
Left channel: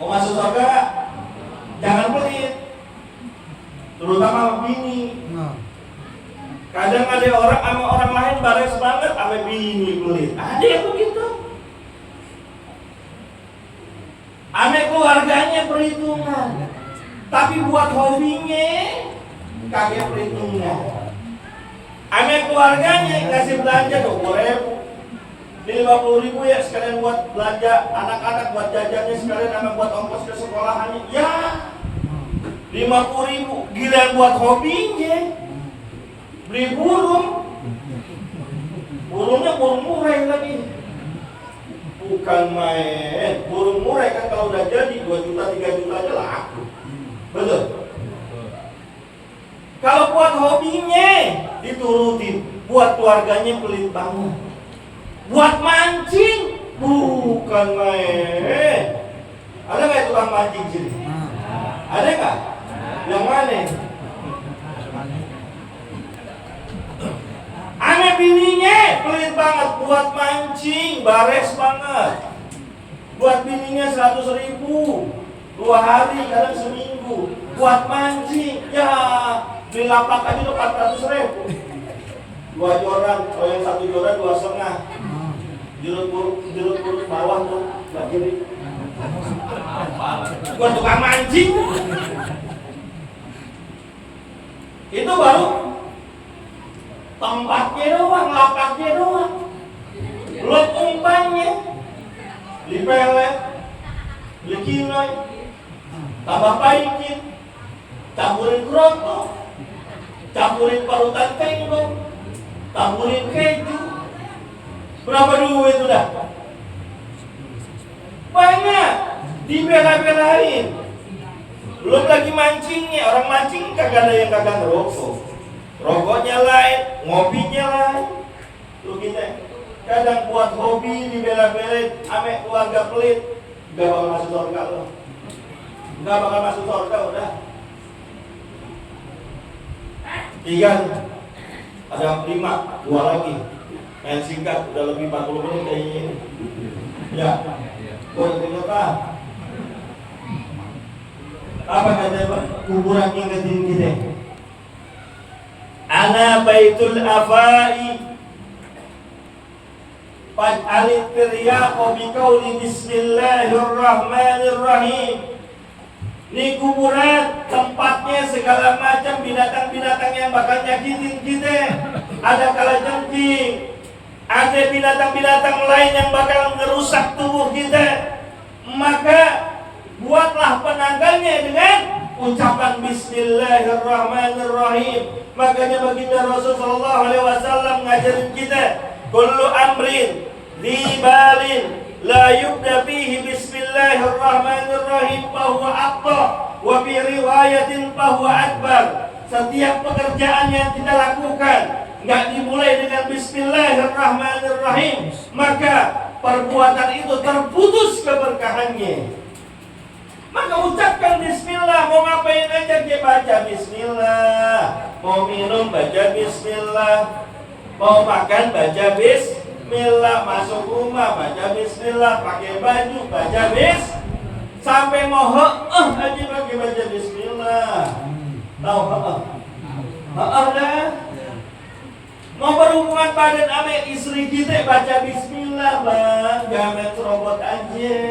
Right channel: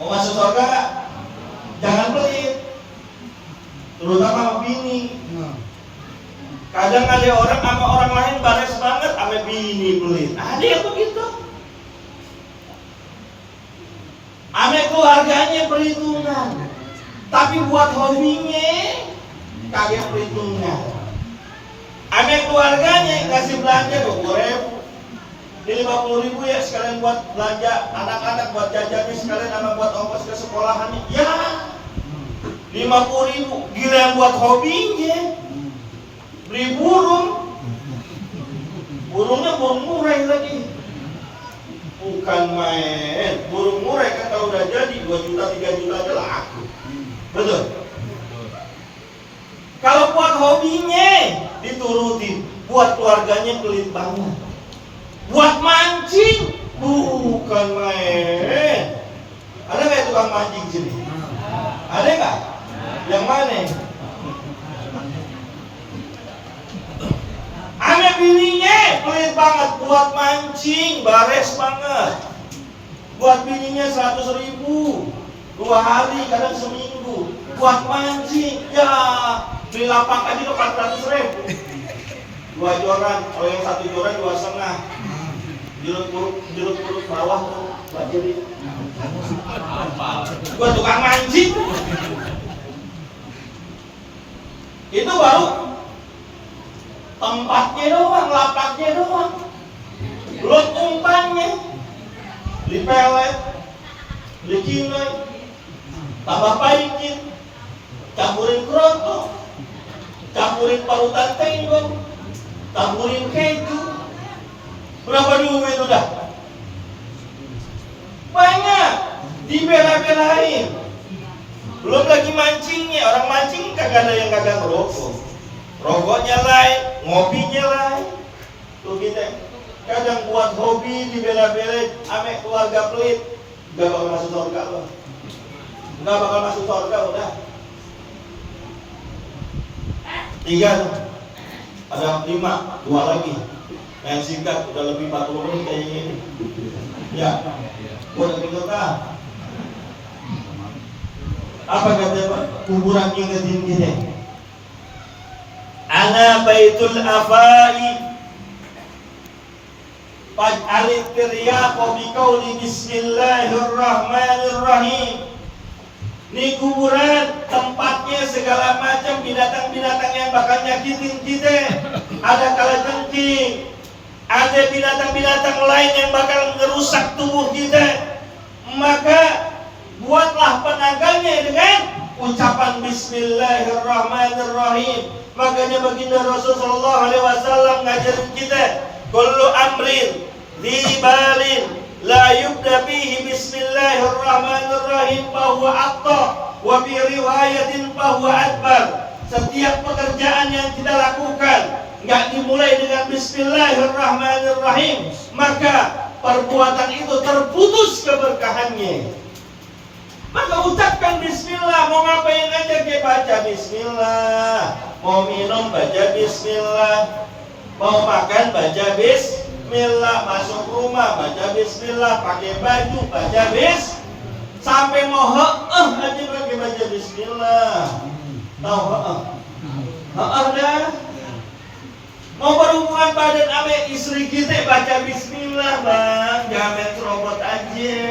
Mau masuk surga gak? Jangan pelit, terutama sama bini. Kadang ada orang sama orang lain bares banget, sama bini pelit. Ada yang begitu. Sama keluarganya perhitungan, tapi buat hobinya kagak perhitungan. Sama keluarganya kasih belanja 20.000, ini 50.000 ya sekalian buat belanja anak-anak, buat jajannya sekalian sama buat ongkos ke sekolahannya. Ya 50.000, gila yang buat hobinya. Beli burung, burungnya burung murai lagi, bukan main. Burung murai kan kalau udah jadi 2 juta 3 juta aja laku, betul? Kalau buat hobinya diturutin, buat keluarganya pelit banget. Buat mancing, bukan main. Ada nggak tukang mancing sini? Ada nggak? Yang mana? Anak bininya pelit banget, buat mancing, bares banget. Buat bininya 100.000, 2 hari, kadang seminggu. Buat mancing, ya beli lapak aja tuh 400.000. 2 joran, kalau yang 1 joran 2,5. Jeruk purut bawah tuh, buat diri. Buat tukang mancing. Itu baru tempatnya doang, lapaknya doang. Belum umpannya. Beli pelet, beli kinoi, tambah paikin, campurin kerontong, campurin parutan tenggong, campurin keju. Berapa duit udah? Banyak. Dibela-belain. Belum lagi mancingnya. Orang mancing kagak ada yang kagak ngerokok. Rokoknya lain, ngopinya lain. Tuh kita kadang buat hobi dibela-belain, ame keluarga pelit, gak bakal masuk surga loh. Gak bakal masuk surga udah. 3 tuh. Ada 5, 2 lagi. Yang singkat udah lebih 40 menit kayaknya ini. Ya. Boleh kita. Apa kata kuburan ingetin kita? Ana baitul afai faj'alit tiryaqa biqauli bismillahirrahmanirrahim. Ini kuburan tempatnya segala macam binatang-binatang yang bakal nyakitin kita. Ada kalajengking, ada binatang-binatang lain yang bakal merusak tubuh kita. Maka buatlah penanggalnya dengan ucapan bismillahirrahmanirrahim. Makanya baginda Rasulullah SAW ngajarin kita, kullu amrin libalin la yubda fihi bismillahirrahmanirrahim fahuwa aqta wa bi riwayatin fahuwa akbar. Setiap pekerjaan yang kita lakukan nggak dimulai dengan bismillahirrahmanirrahim, maka perbuatan itu terputus keberkahannya. Maka ucapkan bismillah. Mau ngapain aja kita baca bismillah. Mau minum baca bismillah. Mau makan baca bismillah. Masuk rumah baca bismillah. Pakai baju baca bis. Sampai mau aja pakai baca bismillah. Tahu dah. Mau berhubungan badan sama istri kita baca bismillah bang. Jangan serobot aja.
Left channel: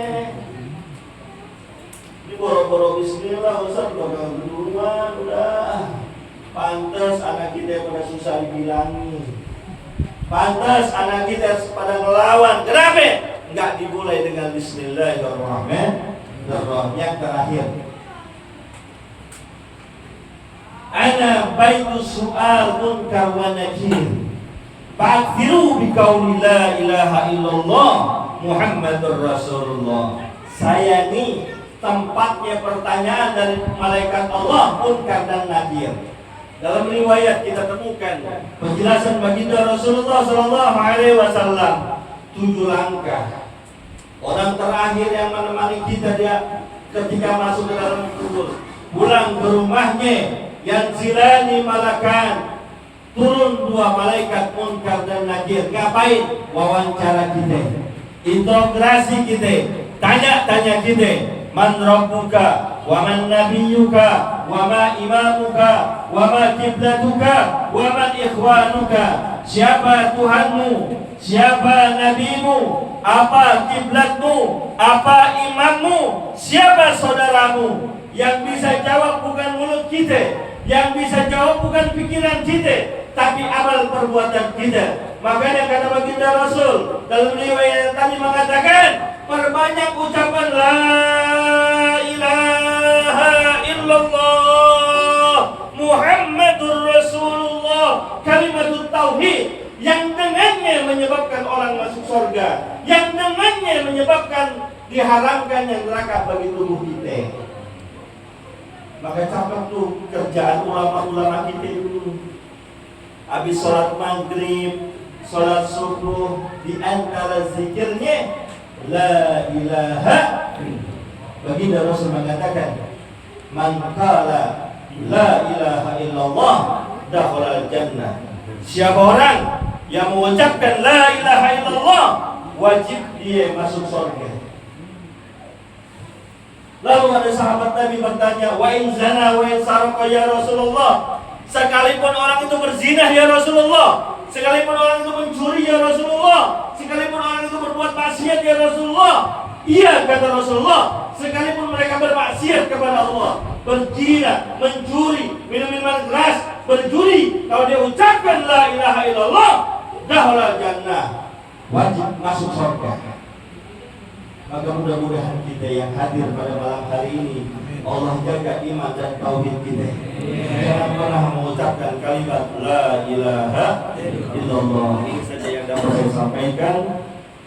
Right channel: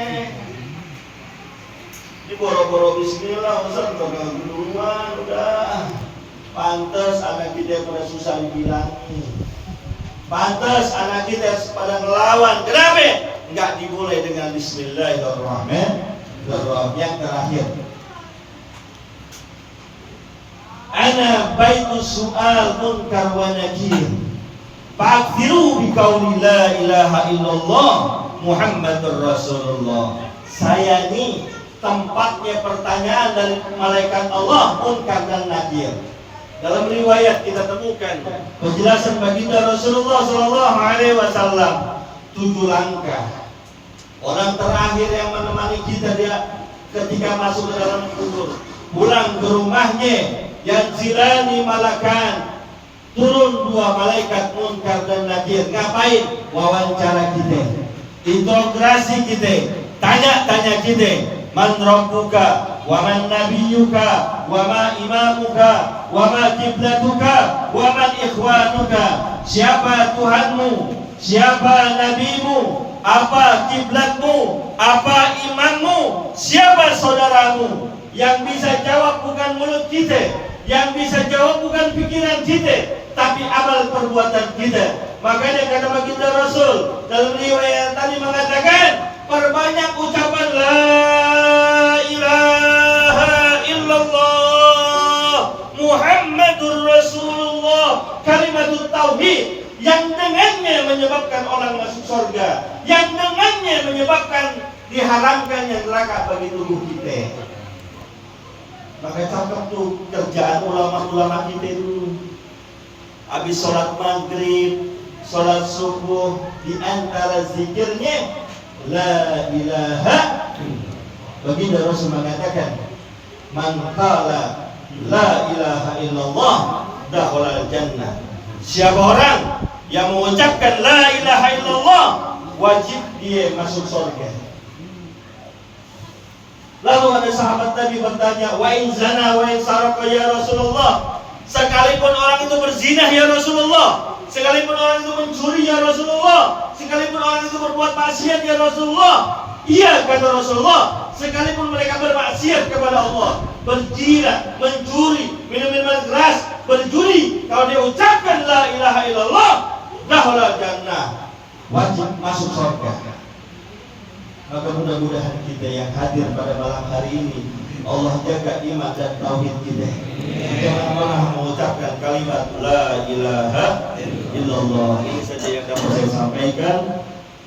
Ini boro-boro bismillah, Ustaz, udah duluan, udah. Pantes anak kita pada susah dibilangi. Pantes anak kita pada ngelawan. Kenapa? Enggak dimulai dengan bismillahirrahmanirrahim. Yang terakhir, ana baitus su'al munkar wa nakir. Fa'akthiru biqauli la ilaha illallah Muhammadur Rasulullah. Saya ini tempatnya pertanyaan dari malaikat Allah Munkar dan Nakir. Dalam riwayat kita temukan penjelasan baginda Rasulullah sallallahu alaihi wasallam 7 langkah. Orang terakhir yang menemani kita dia ketika masuk ke dalam kubur, pulang ke rumahnya, yang zilani malakan, turun 2 malaikat Munkar dan Nakir. Ngapain? Wawancara kita, interogasi kita, tanya-tanya kita. Man rabbuka, wa man nabiyyuka, wa ma imamuka, wa ma kiblatuka, wa man ikhwanuka. Siapa Tuhanmu? Siapa nabimu? Apa kiblatmu? Apa imammu? Siapa saudaramu? Yang bisa jawab bukan mulut kita, yang bisa jawab bukan pikiran kita, tapi amal perbuatan kita. Makanya kata baginda Rasul dalam riwayat tadi mengatakan, perbanyak ucapan la ilaha illallah Muhammadur Rasulullah, kalimatut tauhid, yang dengannya menyebabkan orang masuk surga, yang dengannya menyebabkan diharamkannya neraka bagi tubuh kita. Maka cakep tuh kerjaan ulama-ulama kita dulu. Habis sholat maghrib, sholat subuh, di antara zikirnya la ilaha. Baginda Rasul mengatakan, man qala la ilaha illallah dakhala jannah. Siapa orang yang mengucapkan la ilaha illallah, wajib dia masuk surga. Lalu ada sahabat Nabi bertanya, wa in zana wa in sarqa ya Rasulullah. Sekalipun orang itu berzina ya Rasulullah, sekalipun orang itu mencuri ya Rasulullah, sekalipun orang itu berbuat maksiat ya Rasulullah. Iya kata Rasulullah, sekalipun mereka bermaksiat kepada Allah, berzina, mencuri, minum minuman keras, berjudi, kalau dia ucapkan la ilaha illallah, dakhala jannah, wajib masuk surga. Maka mudah-mudahan kita yang hadir pada malam hari ini, Allah jaga iman dan tauhid kita. Jangan pernah mengucapkan kalimat la ilaha illallah. Ini saja yang dapat saya sampaikan.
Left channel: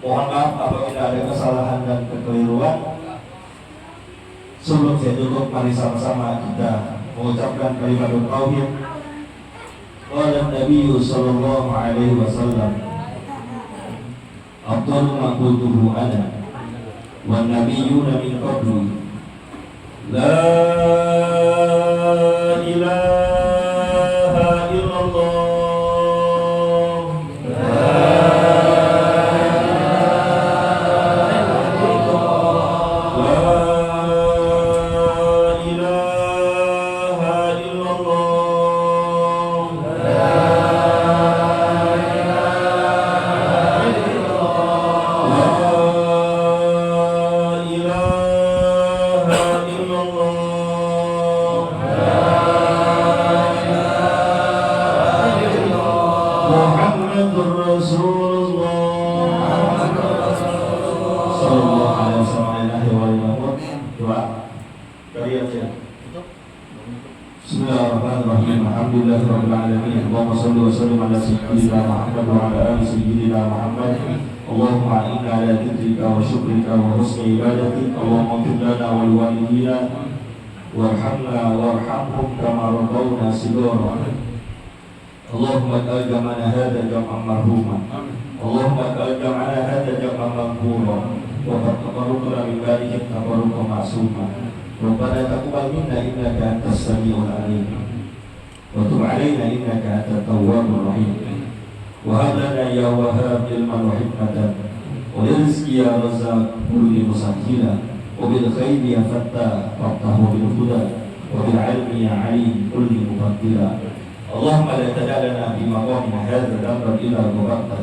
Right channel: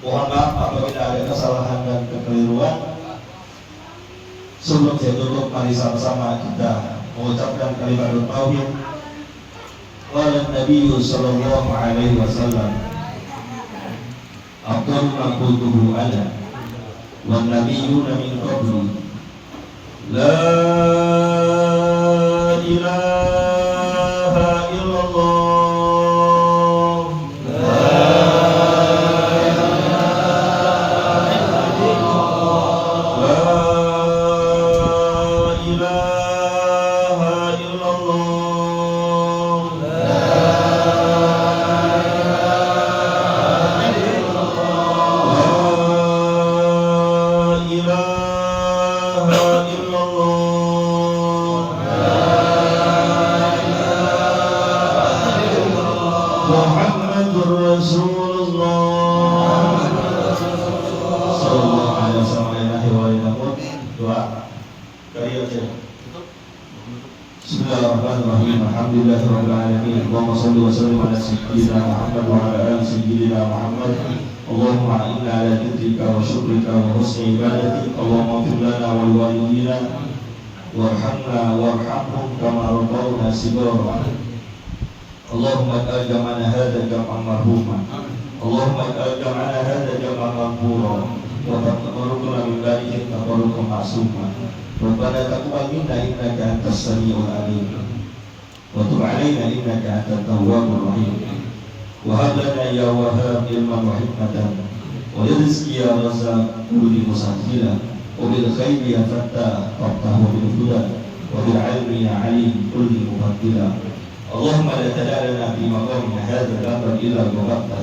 Mohon maaf apabila ada kesalahan dan kekeliruan. Sebelum saya tutup, mari sama-sama kita mengucapkan kalimat tauhid. Qala Nabi sallallahu alaihi wasallam, afdalu ma qultuhu ana wan nabiyyuna min qabli la ilaha illallah Bismillahirrahmanirrahim. Alhamdulillahirabbil alamin. Allahumma shalli wa sallim ala sayyidina Muhammad wa ala ali sayyidina Muhammad. Allahumma inna ala dzikrika wa syukrika wa husni ibadati. Allahumma ighfir lana wa liwalidina warhamna warhamhum kama rabbawna shighara. Allahumma ij'al jam'ana hadha jam'an marhuma. Allahumma ij'al jam'ana hadha jam'an maghfura wa taqabbal min ba'dihi taqarruban ma'suma. Rabbana taqabbal minna innaka antas samiul alim wa tub 'alaina innaka antat tawwabur rahim wa hab lana ya wahhab ilman wa hikmatan wa rizqi ya razzaq kulli musakhila wa bil khairi ya fattah faftahu bil huda wa bil 'ilmi ya 'alim kulli mufaddila. Allahumma la tad'alna fi maqamina hadza dhanban illa ghafarta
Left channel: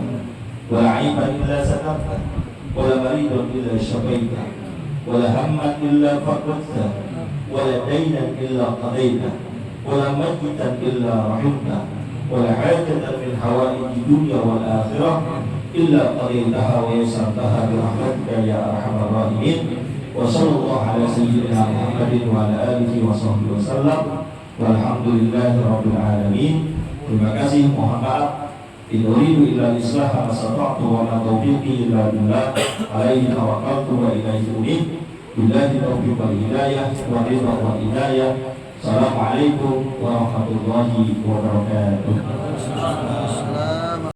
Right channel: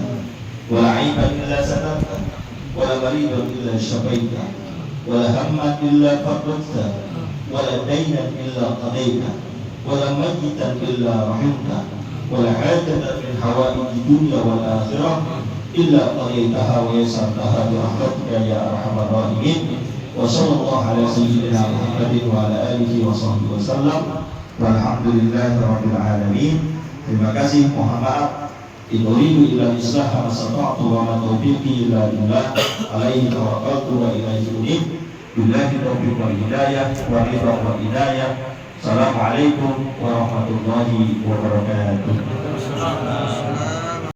wa la 'aiban illa satarta wa la maridan illa shafaita ولا هما إلا فرجته ولا دينا إلا قضيته ولا ميتا إلا رحمته ولا حاجة من حوائج الدنيا والآخرة إلا قضيتها ويسرتها برحمتك يا أرحم الراحمين. وصلى الله على سيدنا محمد وعلى آله وصحبه وسلم والحمد لله رب العالمين. Terima kasih, mohon maaf In uridu illa al-islaha ma stata'tu wa ma taufiqi illa billah alaihi tawakkaltu wa ilaihi unib. Billahi taufiq wal hidayah wa ridha wal hidayah. Assalamualaikum warahmatullahi wabarakatuh.